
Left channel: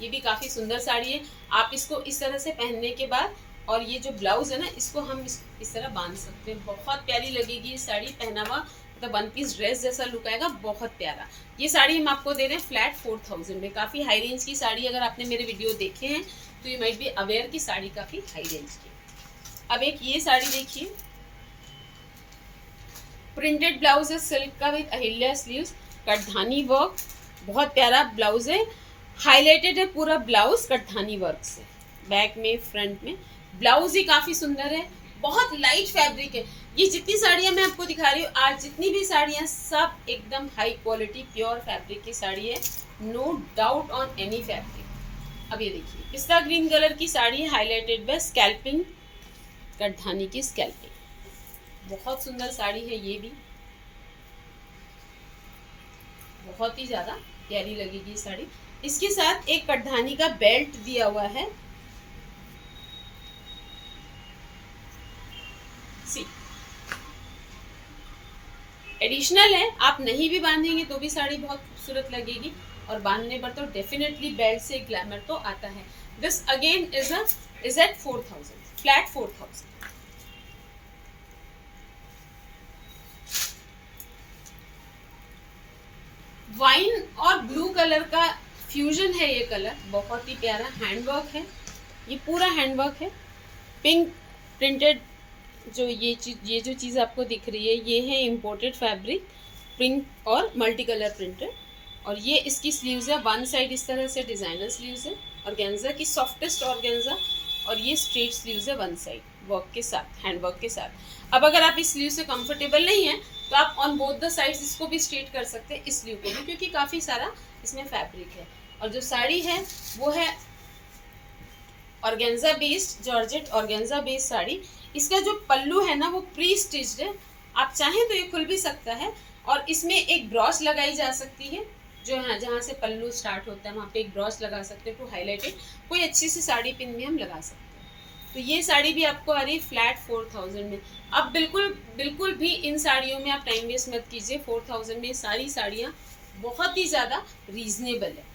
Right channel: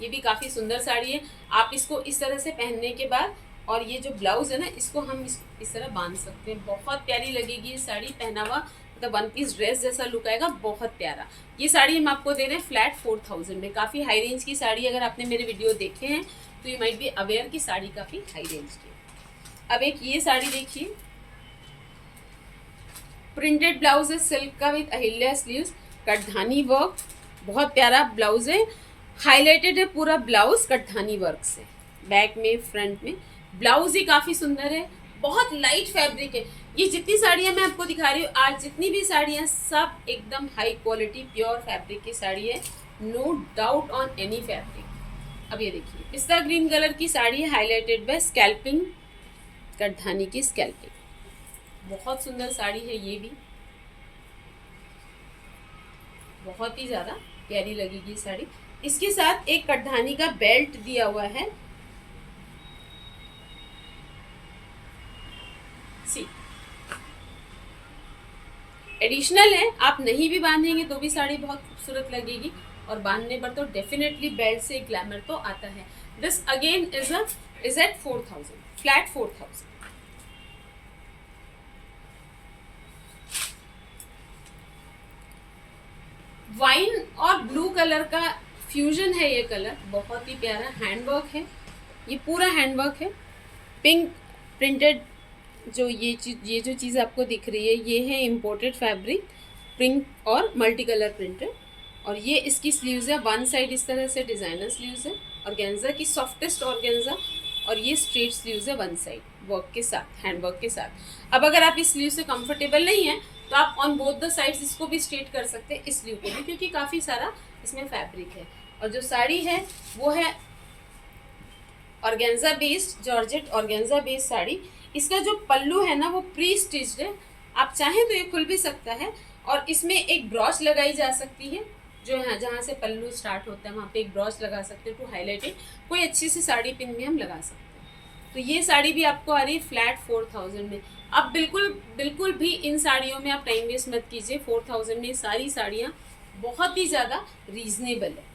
ये भी काफ़ी सुंदर साड़ी है। आप इसको इस तरह से पहनने के बाद, और ये जो ब्लाउज़ है ना, इसको हम इस तरह बांध सकते हैं। बहुत प्यारी लगेगी ये साड़ी, पहना हुआ मतलब वन पीस ड्रेस जैसा लुक आएगा, बहुत प्यारा। ये साड़ी हम आपको दे रहे हैं फ्लैट 4000 में। काफ़ी हाई रेंज की साड़ी। अगर आपने मेरे वीडियो देखे हैं तो यू माइट बी अवेयर की साड़ी काफ़ी हाई रेंज की। अब एक ये साड़ी देखिए, प्रिंटेड ब्लाउज है सिल्क का विद अहिल्या स्लीव्स, कटधानी वर्क। बहुत प्यारा ब्लाउज है, हाईलाइटेड है पूरा ब्लाउज कटधानी वर्क से। बैक में, फ्रंट में ब्लाउज ही काफ़ी सुंदर है। बहुत लाइट फैब्रिक है। ये जितनी साड़ियाँ मैं आपको दिखा रही हूँ आज, जितनी भी साड़ियाँ, सब एकदम हाई क्वालिटी प्योर फैब्रिक की साड़ी है। No doubt on any fabric. अब ये देखिए, पिस्ता ग्रीन कलर की साड़ी है, हाईलाइटेड बाय स्कैल्पिंग, कटधानी की स्कैल्पिंग। बहुत सुंदर साड़ी है ये भी, बहुत ही ज़्यादा प्यारी लगेगी साड़ी। इसके साथ एक कटधानी का बेल्ट दिया हुआ है। सी, एडिशनल है। आप नहीं भी बांधेंगे तो भी साड़ी बहुत खूबसूरत लगेगी, और बांधने पर तो डेफिनेटली बेल्ट से ग्लैमर तो आता है। This again is at 4000, flat 4000। Wine और ब्लू कलर का फ्यूजन है ये कलर, बहुत ही प्यारा। हैंडवर्क है, ये पूरा हैंडवर्क है। पिंक प्रिंटेड जो ये जो चीज़ आपको दिख रही है, ये है इम्पोर्टेड फैब्रिक, पिंक और मल्टी कलर प्रिंटेड। और ये इसकी स्लीव्स है, वन साइड इस तरह से डिज़ाइनर स्लीव्स है, ऑर्गेन्जा की सॉफ्टेस्ट ऑर्गेन्जा, और ये स्ट्रेट स्लीव्स है वन साइड वर्क के साथ, हैंडवर्क के साथ। अब अगर आप इस स्लीव से कंफर्टेबल नहीं हैं तो आप ऑन बोथ द साइड्स इसको भी स्ट्रेट कर सकते हैं, इस स्लीव को भी, क्योंकि काफ़ी सारा इसमें फैब्रिक है। और जो साड़ी है वो है organza based, georgette organza based sari. इसका जो पल्लू है ना वो प्री स्टिच्ड है। आप चाहें तो ये खुल भी सकता है, और इसमें एक ब्रॉच लगाई जा सकती है, जो है जहाँ से पल्लू स्टार्ट होता है वहाँ पे एक ब्रॉच लगा सकते हैं टू हाईलाइटेड। कोई अच्छी सी साड़ी पिन भी हम लगा सकते हैं। तो ये साड़ी भी आपको आ रही है फ्लैट 4000 में। अब बिल्कुल भी इन साड़ियों में आप टाइम वेस्ट मत कीजिए। 4000 में सारी साड़ियाँ बहुत ही ज़्यादा रीजनेबल है।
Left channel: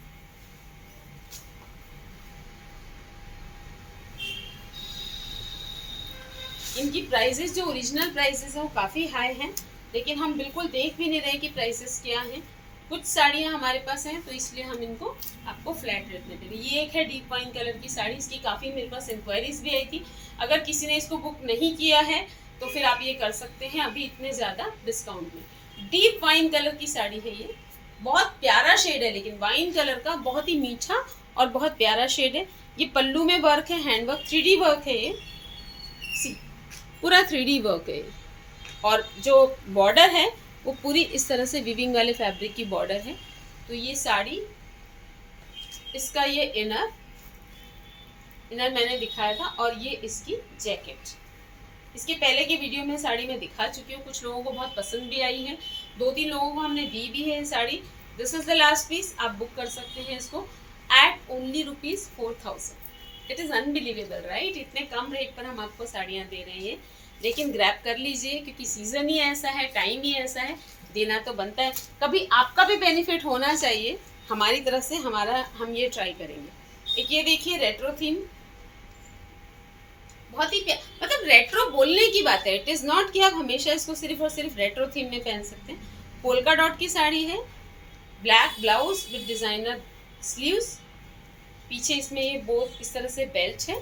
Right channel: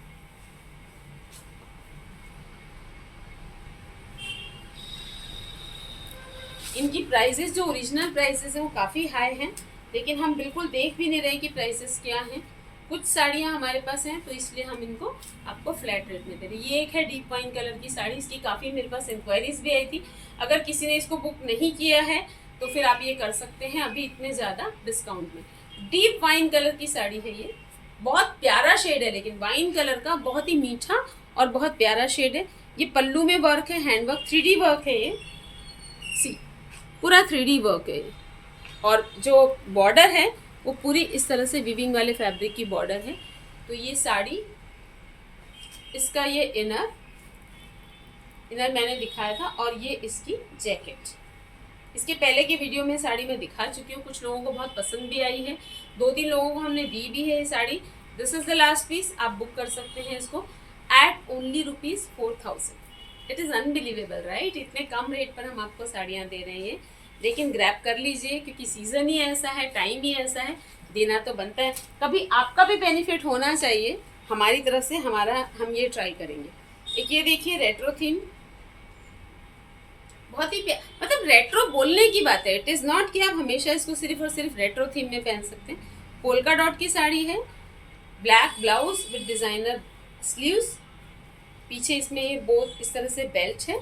इनकी प्राइसेस जो ओरिजिनल प्राइसेस हैं वो काफ़ी हाई हैं, लेकिन हम बिल्कुल देख भी नहीं रहे कि प्राइसेस क्या हैं। कुछ साड़ियाँ हमारे पास हैं तो इसलिए हम इनको आपको फ्लैट रेट में दे रहे हैं। ये एक है डीप वाइन कलर की साड़ी, इसकी काफ़ी मेरे पास इंक्वायरीज भी आई थी। अगर किसी ने इसको बुक नहीं किया है तो फिर आप ये कर सकते हैं अभी इतने ज़्यादा डिस्काउंट में। डीप वाइन कलर की साड़ी है ये, बहुत प्यारा शेड है, लेकिन वाइन कलर का बहुत ही मीठा और बहुत प्यारा शेड है। ये पल्लू में वर्क है, हैंडवर्क, 3D वर्क है ये, सी पूरा 3D वर्क है। और जो बॉर्डर है वो पूरी इस तरह से विविंग वाले फैब्रिक की बॉर्डर है। तो ये साड़ी, इसका ये इनर मैंने दिखाया था, और ये इसकी जैकेट। इसके पहले के वीडियो में साड़ी मैं दिखा चुकी हूँ, कुछ लोगों को बहुत पसंद भी आई है, 2-3 लोगों को हमने दी भी है ये sari. This is the last piece, आप बुक कर सकते हैं इसको at only ₹4000। It is unbelievable right, इतने कम रेट पर हम आपको साड़ियाँ दे रहे हैं। लेकिन ग्रैब कर लीजिए, क्योंकि सीज़न ही ऐसा है, टाइम ही ऐसा है, देना तो बनता है। कभी आपका भी बेनिफिट होना चाहिए हमारी तरफ से, हम ये ट्राई करेंगे। एक ये देखिए रेट्रो थीम, बहुत ही मतलब रेट्रो बोलने की बात है, इट इज़ नॉट कि आप हमेशा इसको सिर्फ और सिर्फ रेट्रो थीम में पहन सकते हैं। पोल्का डॉट की साड़ी है, black blouse with designer sleeves, पीछे इसमें ये बोथ इस तरह से बेल्ट है।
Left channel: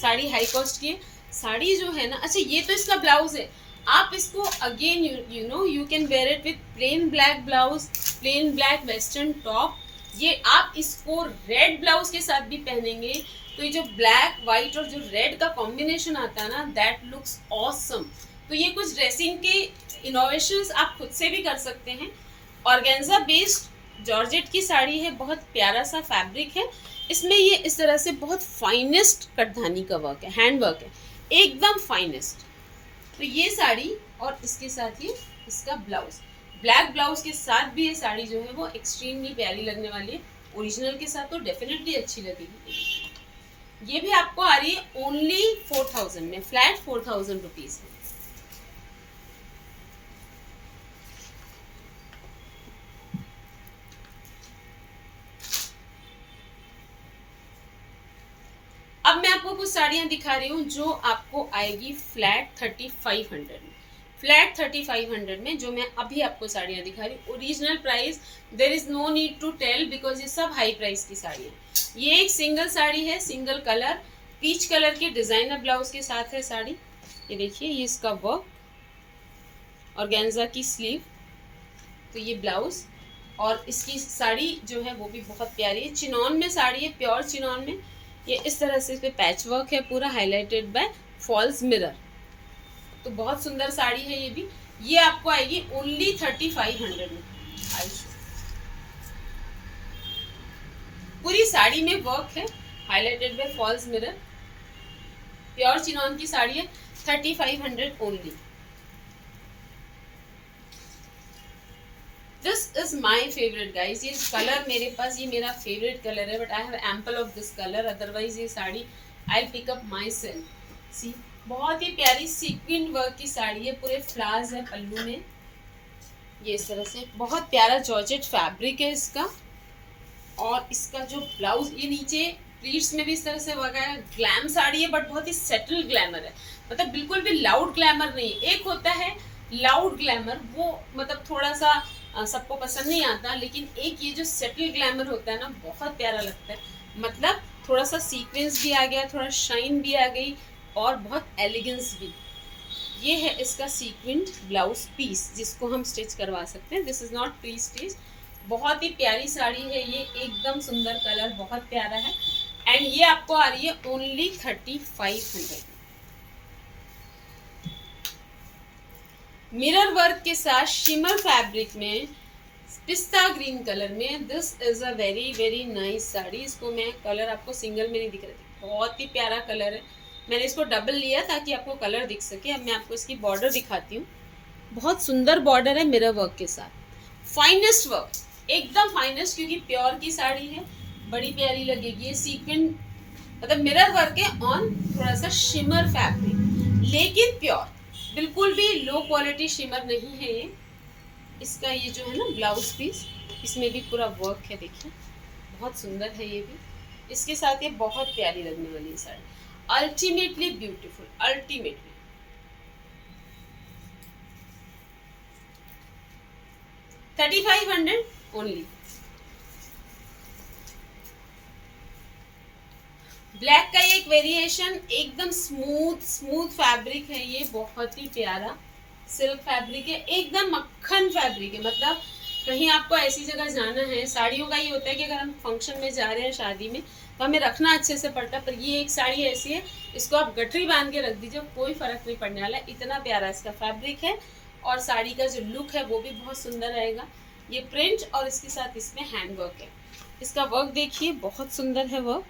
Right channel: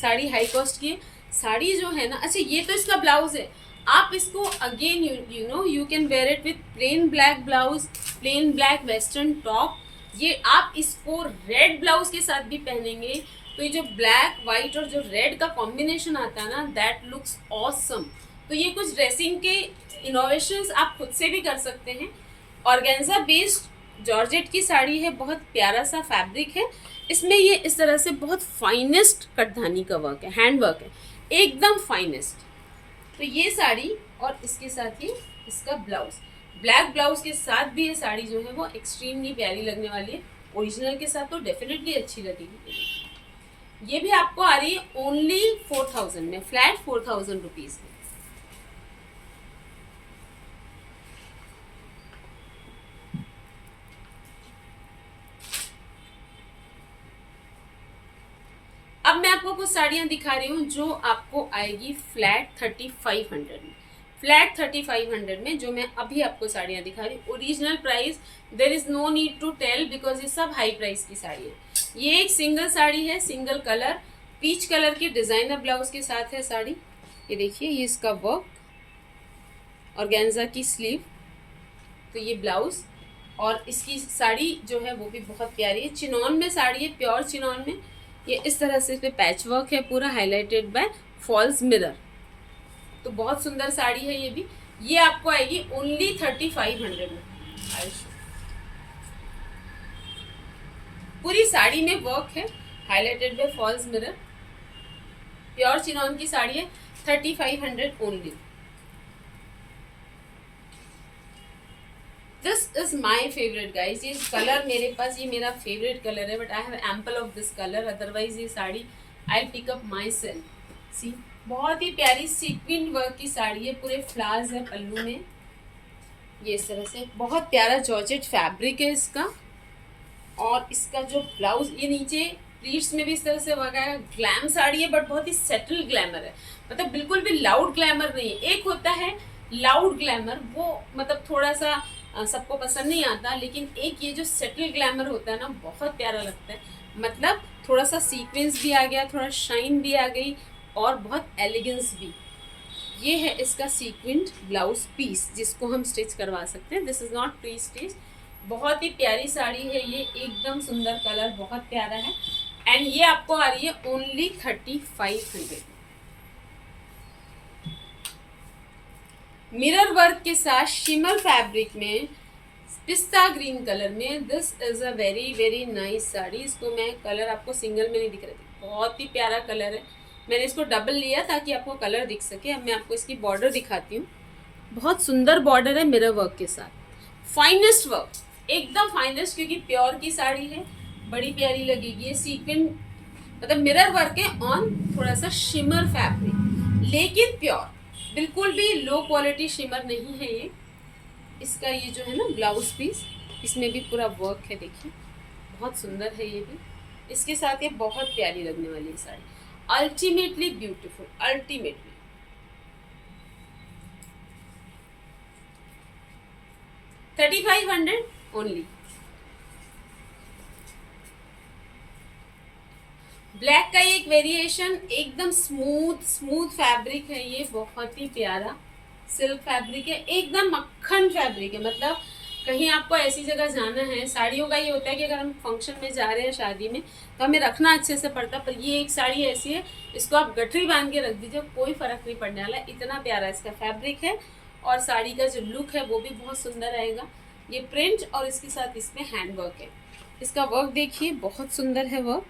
साड़ी हाई कॉस्ट की है। साड़ी जो है ना, अच्छा ये तो इसका ब्लाउज है, आप इसको again you can wear it with plain black blouse, plain black western top, ये आप इसको रेड ब्लाउज के साथ भी पहनेंगे तो ये जो ब्लैक वाइट और जो रेड का कॉम्बिनेशन आता है ना, दैट लुक्स ऑसम। तो ये कुछ ड्रेसिंग के इनोवेशंस आप खुद से भी कर सकते हैं। ऑर्गेन्जा बेस्ड जॉर्जेट की साड़ी है, बहुत प्यारा सा फैब्रिक है। इसमें ये इस तरह से बहुत फाइनेस्ट कटधानी का वर्क है, हैंड वर्क है, एकदम फाइनेस्ट। तो ये साड़ी और इसके साथ ये इसका ब्लाउज, ब्लैक ब्लाउज के साथ भी ये साड़ी जो है वो एक्सट्रीमली प्यारी लगने वाली है। ओरिजिनल के साथ तो डेफिनेटली अच्छी लगेगी। ये भी आपको आ रही है ओनली 4000 में, फ्लैट 4000 रुपीज़ में। अब मैं आपको कुछ साड़ियाँ दिखा रही हूँ जो आपको आएगी फ्लैट 3500 में। फ्लैट 3500 में जो मैं अभी आपको साड़ियाँ दिखा रही हूँ, original price there is no need to tell because ये सब हाई प्राइस की साड़ियाँ। ये एक सिंगल साड़ी है, सिंगल कलर, पीच कलर के डिज़ाइनर ब्लाउज के साथ है साड़ी। ये देखिए, ये इसका वर्क, ऑर्गेन्जा की स्लीव, तो ये ब्लाउज और इसकी साड़ी जो है वो भी बहुत प्यारी है। चिनॉन में साड़ी है, प्योर चिनॉन में। ये इस तरह से इस पर पैच वर्क है, पूरा हाईलाइटेड बाय फॉल्स मिरर। तो बहुत सुंदर साड़ी है ये भी। ये आपको आएगी ओनली 3500 में। पूरी साड़ी में वर्क है, highlighted by falls mirror, pure chinon की साड़ी है, 3500 only. This is my favourite guys. ये कलर मेरे पास, ये मेरा फेवरेट कलर है, but I have ample of this colour, otherwise ये sari I pick up myself. See, बहुत ही प्यारी सीक्वेंट वर्क की साड़ी है, पूरे फ्लावर्स है पल्लू में। ये इस तरह से बहुत प्यारा जॉर्जेट फैब्रिक है इसका। और इसका जो ब्लाउज, ये नीचे प्लीट्स में भी इस तरह से वर्क है। ग्लैम साड़ी है बट बहुत ही सेटल ग्लैमर है, मतलब बिल्कुल भी लाउड ग्लैमर नहीं है। एक होता है लाउड ग्लैमर, वो मतलब थोड़ा सा सबको पसंद नहीं आता, लेकिन एक ये जो सेटल ग्लैमर होता है ना, बहुत प्यारा लगता है। मतलब थोड़ा सा सीक्वेंस भी आ गया, थोड़ा शाइन भी आ गई और बहुत एलिगेंस भी। ये है इसका सीक्वेंट ब्लाउज पीस, जिसको हम स्टिच करवा सकते हैं। This is not pre stitch. बहुत ही प्यारी साड़ी है ये, एकदम सुंदर कलर, बहुत प्यारा है। एंड ये आपको आ रही है ओनली 3500। मिरर वर्क के साथ शिमर फैब्रिक में, पिस्ता ग्रीन कलर में। This is a very very nice sari. इसको मैं कलर आपको सिंगल में नहीं दिख रही थी, बहुत ही प्यारा कलर है। मैंने इसको डबल लिया ताकि आपको कलर दिख सके। अब मैं आपको इसकी बॉर्डर दिखाती हूँ। बहुत सुंदर बॉर्डर है मिरर वर्क के साथ, फाइनेस्ट वर्क, एकदम फाइनेस्ट, क्योंकि प्योर की साड़ी है, बड़ी प्यारी लगेगी। ये सीक्वेंट मतलब मिरर वर्क है ऑन थोड़ा सा शिमर फैब्रिक, लेकिन प्योर, बिल्कुल भी लो क्वालिटी शिमर नहीं है ये। इसका ये जो है ना ब्लाउज पीस, इसमें भी पूरा वर्क है, देखिए बहुत सुंदर है ये भी। इसके साथ ये बहुत प्यारी लगने वाली है sari, ultimately beautiful, ultimately. $3500 only. Black का एक वेरिएशन, एकदम स्मूथ फैब्रिक है ये, बहुत ही प्यारा सिल्क फैब्रिक है, एकदम मक्खन फैब्रिक है। मतलब कहीं आपको ऐसी जगह जाना है, साड़ियों का ये होता है कि अगर हम फंक्शन में जा रहे हैं, शादी में, तो हमें रखना अच्छे से पड़ता है। पर ये एक साड़ी ऐसी है, इसको आप गठरी बांध के रख दीजिए, कोई फ़र्क नहीं पड़ने वाला। इतना प्यारा इसका फैब्रिक है और साड़ी का जो लुक है वो भी बहुत सुंदर रहेगा। ये प्रिंट और इसके साथ इसमें हैंड वर्क है। इसका वर्क देखिए, बहुत सुंदर है वर्क,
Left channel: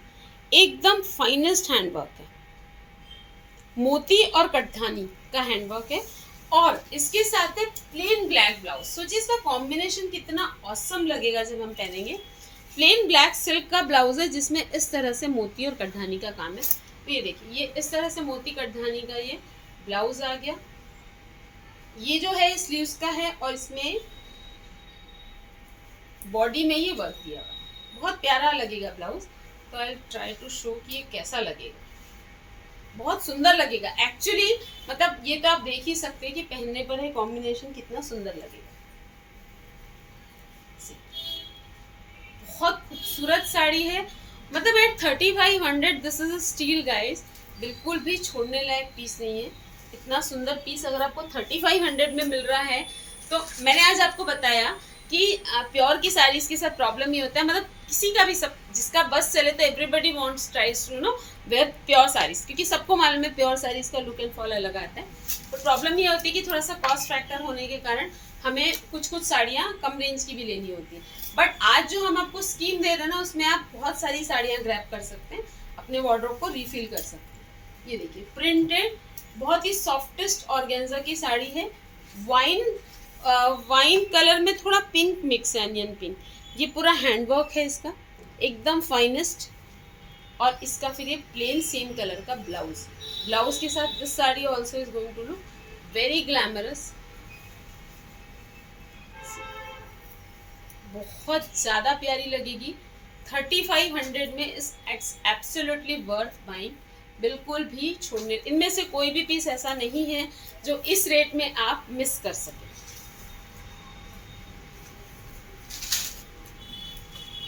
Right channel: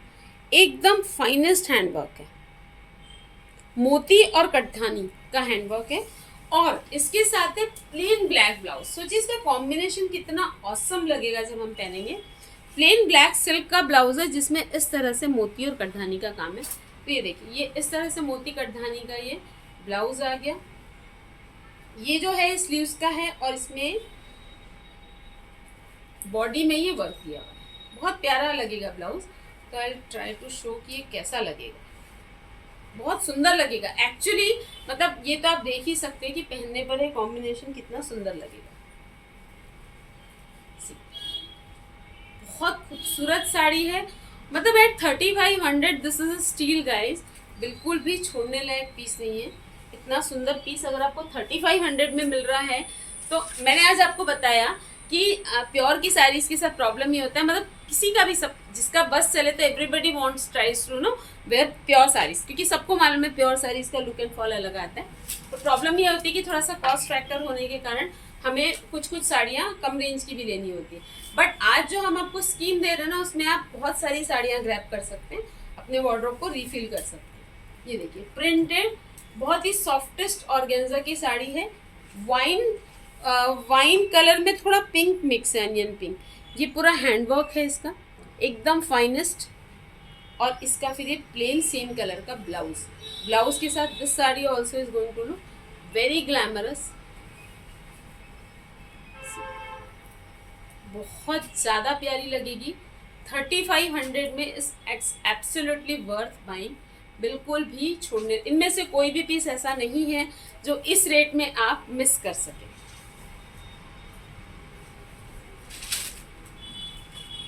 एकदम फाइनेस्ट हैंड वर्क है, मोती और कटधानी का हैंड वर्क है। और इसके साथ है प्लेन ब्लैक ब्लाउज। सोचिए इसका कॉम्बिनेशन कितना ऑसम लगेगा जब हम पहनेंगे। प्लेन ब्लैक सिल्क का ब्लाउज है जिसमें इस तरह से मोती और कटधानी का काम है। तो ये देखिए, ये इस तरह से मोती कटधानी का ये ब्लाउज आ गया। ये जो है स्लीव्स का है और इसमें बॉडी में ये वर्क किया हुआ, बहुत प्यारा लगेगा ब्लाउज। तो आई ट्राई टू शो कि ये कैसा लगेगा, बहुत सुंदर लगेगा एक्चुअली। मतलब ये तो आप देख ही सकते हैं कि पहनने पर है कॉम्बिनेशन कितना सुंदर लगेगा। बहुत खूबसूरत साड़ी है, मतलब at 3500 this is a steal guys, बिल्कुल भी छोड़ने लायक पीस नहीं है। इतना सुंदर पीस अगर आपको 3500 में मिल रहा है, तो मैंने आज आपको बताया कि प्योर की साड़ीज के साथ प्रॉब्लम ये होता है, मतलब किसी का भी, सब जिसका बस चले तो everybody wants tries to know where pure saris, क्योंकि सबको मालूम है प्योर साड़ीज का लुक एंड फॉल अलग आता है। तो प्रॉब्लम ये होती है कि थोड़ा सा कॉस्ट फैक्टर होने के कारण हमें कुछ कुछ साड़ियाँ कम रेंज की भी लेनी होती है। बट आज जो हम आपको स्कीम दे रहे हैं ना, उसमें आप बहुत सारी साड़ियाँ ग्रैब कर सकते हैं, अपने वार्डरोब को रिफिल कर सकते हैं। ये देखिए प्रिंटेड बहुत ही सॉफ्टेस्ट ऑर्गेन्जा की साड़ी है, वाइन कलर में थोड़ा पिंक मिक्स है, अनियन पिंक। ये पूरा हैंडवर्क है इसका, एकदम फाइनेस्ट। और इसका फिर ये प्लेन सेम कलर का ब्लाउज के साथ this sari also is going to look very glamorous. बहुत ज़्यादा प्यारी लगेगी। 3500 में इस एब्सोल्युटली वर्थ बाइंग। बिल्कुल भी छोड़ने, इनमें से कोई भी पीस ऐसा नहीं है जो इस रेट में आप मिस कर सकें।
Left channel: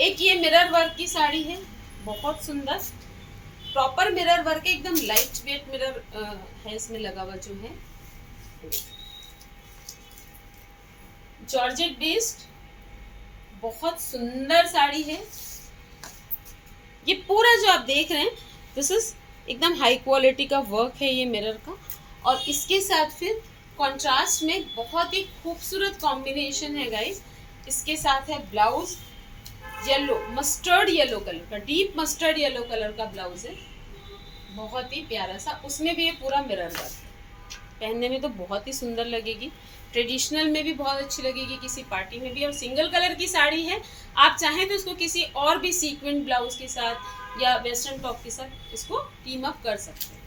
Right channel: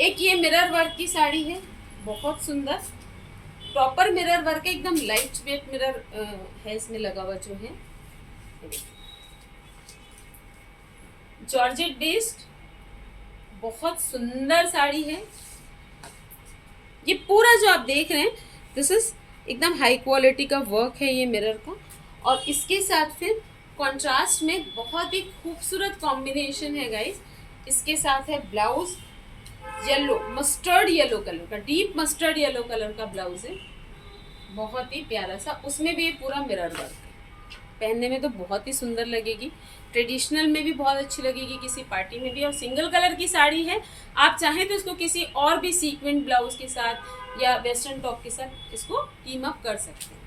एक ये मिरर वर्क की साड़ी है, बहुत सुंदर प्रॉपर मिरर वर्क है, एकदम लाइट वेट मिरर है इसमें लगा हुआ जो है। जॉर्जेट बेस्ड बहुत सुंदर साड़ी है। ये पूरा जो आप देख रहे हैं दिस इज एकदम हाई क्वालिटी का वर्क है ये मिरर का। और इसके साथ फिर कॉन्ट्रास्ट में बहुत ही खूबसूरत कॉम्बिनेशन है गाइस। इसके साथ है blouse yellow, mustard yellow colour का, डीप मस्टर्ड येलो कलर का ब्लाउज है, बहुत ही प्यारा सा। उसमें भी ये पूरा मिरर वर्क है। पहनने में तो बहुत ही सुंदर लगेगी, ट्रेडिशनल में भी बहुत अच्छी लगेगी, किसी पार्टी में भी। और सिंगल कलर की साड़ी है, आप चाहें तो इसको किसी और भी सीक्वेंट ब्लाउज के साथ या वेस्टर्न टॉप के साथ इसको टीम अप कर सकते हैं।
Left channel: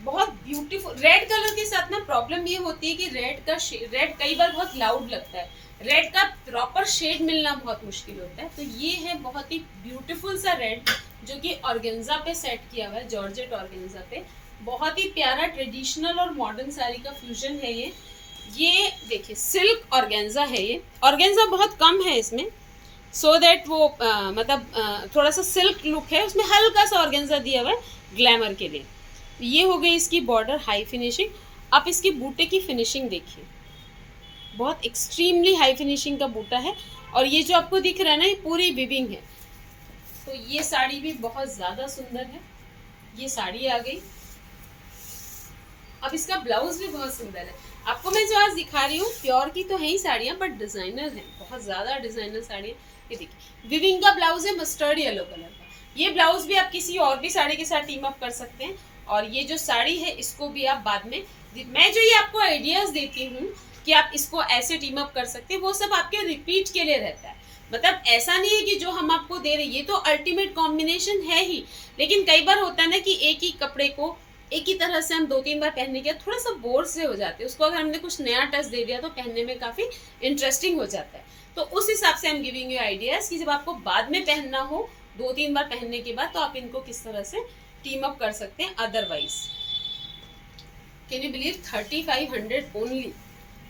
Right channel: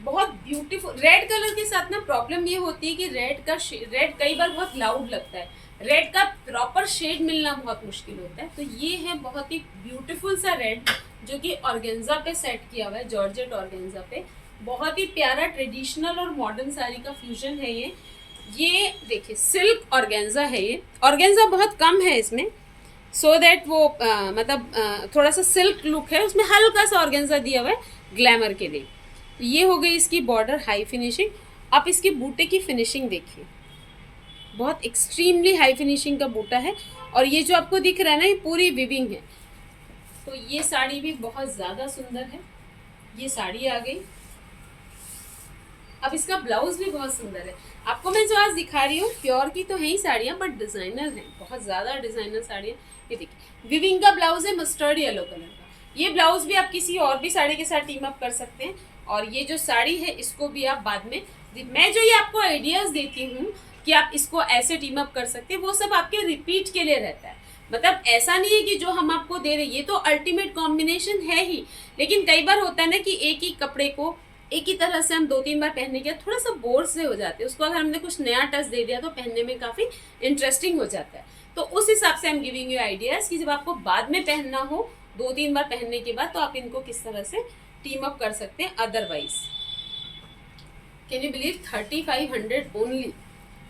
बहुत ब्यूटीफुल। रेड कलर के साथ ना प्रॉब्लम ये होती है कि रेड कई बार बहुत लाउड लगता है, रेड का प्रॉपर शेड मिलना बहुत मुश्किल होता है। तो ये है बहुत ही ब्यूटीफुल सा रेड जो कि ऑर्गेन्जा पे सेट किया हुआ है, जॉर्जेट ऑर्गेन्जा पे। बहुत ही प्यारा ट्रेडिशनल और मॉडर्न साड़ी का फ्यूजन है ये देखिए सिल्क ऑर्गेन्जा है। ये ऑर्गेन्जा बहुत कम है इसमें, सो दैट वो थोड़ा सा सिल्क लुक है, उसमें हल्का सा ऑर्गेन्जा दिया हुआ है ग्लैमर के लिए। ये हो गई इसकी बॉर्डर हाई फिनिशिंग। आप इसकी बूटे की फिनिशिंग देखिए, बहुत एक्सट्रीमली हाई फिनिशिंग का बूटा है। और ये जो आपको दिख रहा है ना, ये पूरी विविंग है। तो ये साड़ी भी बहुत ज़्यादा सुंदर है। ये साड़ी आ गई। अब इसका ब्लाउज भी बहुत सुंदर है। आपको मैं जो आज दिखा रही हूँ प्योर की तो है ही साड़ियाँ, बट डिज़ाइनर हैं, बहुत ज़्यादा डिज़ाइनर साड़ियाँ। ये देखिए विविंग का ब्लाउज है मस्टर्ड येलो कलर का। ये ब्लाउज भी आप किसी और भी साड़ी के साथ टीम अप कर सकते हैं। और ये जो साड़ी है इसको भी आप बाद में, मैं जो ये आपको आइडियाज़ देती हूँ कि आप इसको ऐसे टीम अप कर सकते हैं, वो सब आपके रिपीट के लिए रहता है। मतलब ऐसा नहीं है कि जो हम आपको दे रहे हैं ये तो अल्टीमेट कॉम्बिनेशन है ही, लेकिन कई बार होता है ना कि एक ही कपड़े को एक ही तरह से हम 2-3 बार पहनने के बाद थोड़ा सा बोर से हो जाते हैं। उसको अगर हमने कुछ नया टच दे दिया तो पहनने में काफ़ी इंटरेस्टिंग हो जाता है। तो उस हिसाब से हम गिविंग यू आइडियाज़ कि जब आपको बाद में पहनना हो 2-3 बार पहनने के बाद, तो आप इनको किस तरह से टीम अप कर सकते हैं। Otherwise can you believe 3500 only.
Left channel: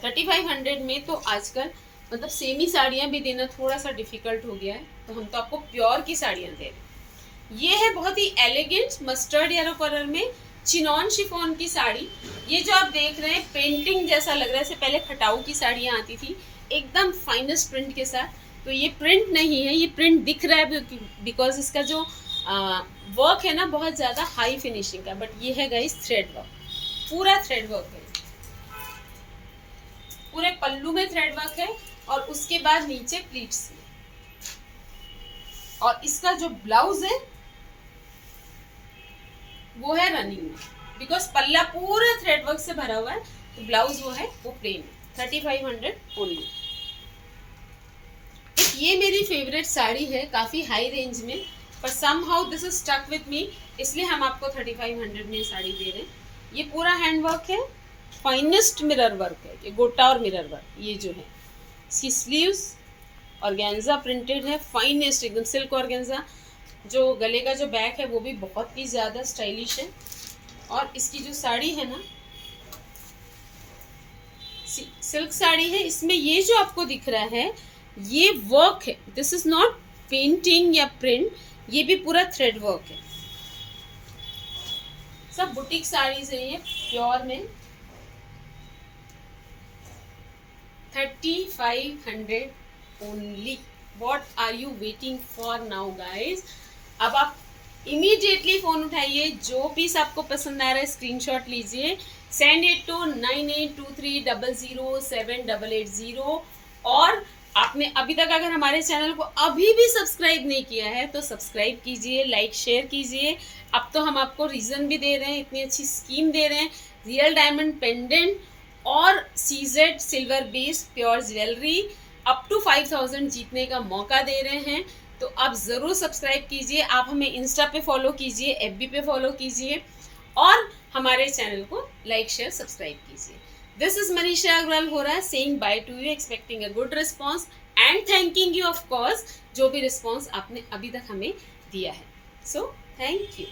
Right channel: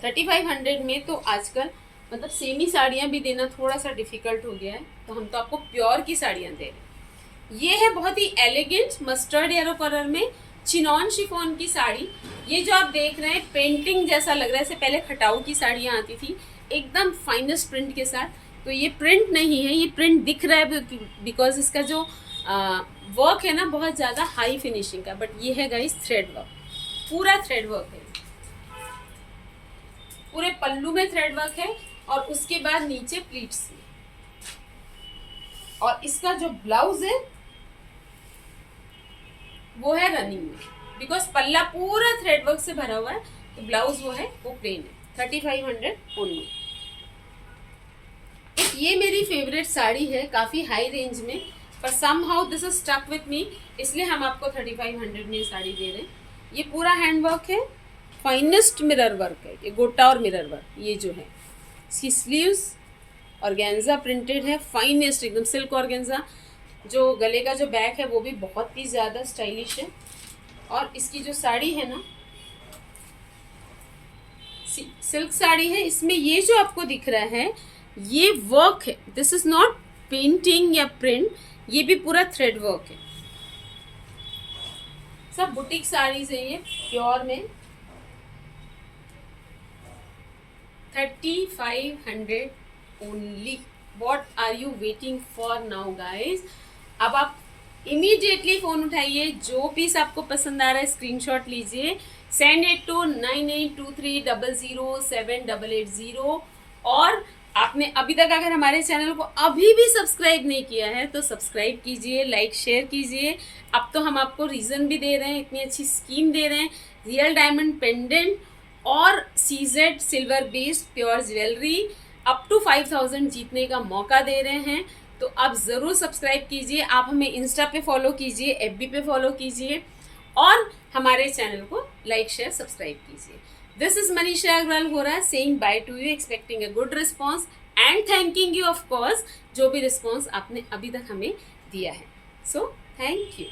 3500 में तो आजकल मतलब सेमी साड़ियाँ भी देना थोड़ा सा डिफिकल्ट हो गया है, तो हम तो आपको प्योर की साड़ियाँ दे रहे हैं। ये है बहुत ही एलिगेंट मस्टर्ड येलो कलर में चिनॉन शिफॉन की साड़ी। ये जो आप देख रहे हैं पेंटिंग जैसा लग रहा है। इससे पहले खटाऊ की साड़ियाँ आती थी एकदम फाइनेस्ट प्रिंट के साथ, तो ये प्रिंट नहीं है, ये प्रिंट दिख रहा है बिकॉज इसका जो वर्क है ना बहुत ज़्यादा हाई फिनिशिंग का। बट ये है गाइस थ्रेड वर्क, पूरा थ्रेड वर्क है, पूरे पल्लू में थ्रेड वर्क है और उसके बाद नीचे प्लीट्स में। और इसका जो ब्लाउज है वो है रनिंग में, बिकॉज पल्ला पूरा थ्रेड वर्क से भरा हुआ है, तो ब्लाउज वो है वो प्लेन है। 3500 ओनली। एक ये मेरी फेवरेट साड़ी है, काफ़ी हाई रेंज में, पर somehow this is stuck with me, इसलिए हम आपको 3500 में ये साड़ी दे रहे हैं। ये पूरा हैंड वर्क है, फाइनेस्ट मिरर वर्क है, ये गोटा और मिरर वर्क। ये जो है इसकी स्लीव्स ऑर्गेन्जा प्रिंटेड है, फाइनेस्ट एकदम सिल्क ऑर्गेन्जा। जो गले का जो बैक है वो भी बहुत ही ज़्यादा स्टाइलिश है। और इसकी जो साड़ी है ना सिल्क साड़ी है, इसमें ये जो आपको दिख रहा है ये वर्क है, दिस इज नॉट पेंटिंग या प्रिंट, ये भी पूरा थ्रेड वर्क है। सब बुटीक साड़ीज है ये प्योर में। 3500 only. What are you waiting for now guys? अब आप इमीडिएटली फ़ोन उठाइए, जो पीस आपको पसंद आ रहा है स्क्रीनशॉट लीजिए, सेंड इट टू 9823007880. और आपने अभी तक अगर हमारे चैनल को अभी भी सब्सक्राइब नहीं किया है तो सब्सक्राइब कीजिए, लाइक शेयर कीजिए. अब तो हम आपको रीज़न भी दे रहे हैं, इतनी अच्छी स्कीम दे रहे हैं. रियल डायमंड पेंडेंट और CZ silver based pure jewellery up to 5000 जीतने का मौका दे रहे हैं. तो आप ज़रूर सब्सक्राइब कीजिए. आप हमें इंस्टा पे फॉलो कीजिए, FB पे फॉलो कीजिए और हमारे चैनल को लाइक शेयर सब्सक्राइब कीजिए. दिस इज मनीषा अग्रवाल हो रहा है saying by two you, expecting a good response and thanking you of course जो भी रिस्पॉन्स आपने अभी तक हमें दिया है. So thank you.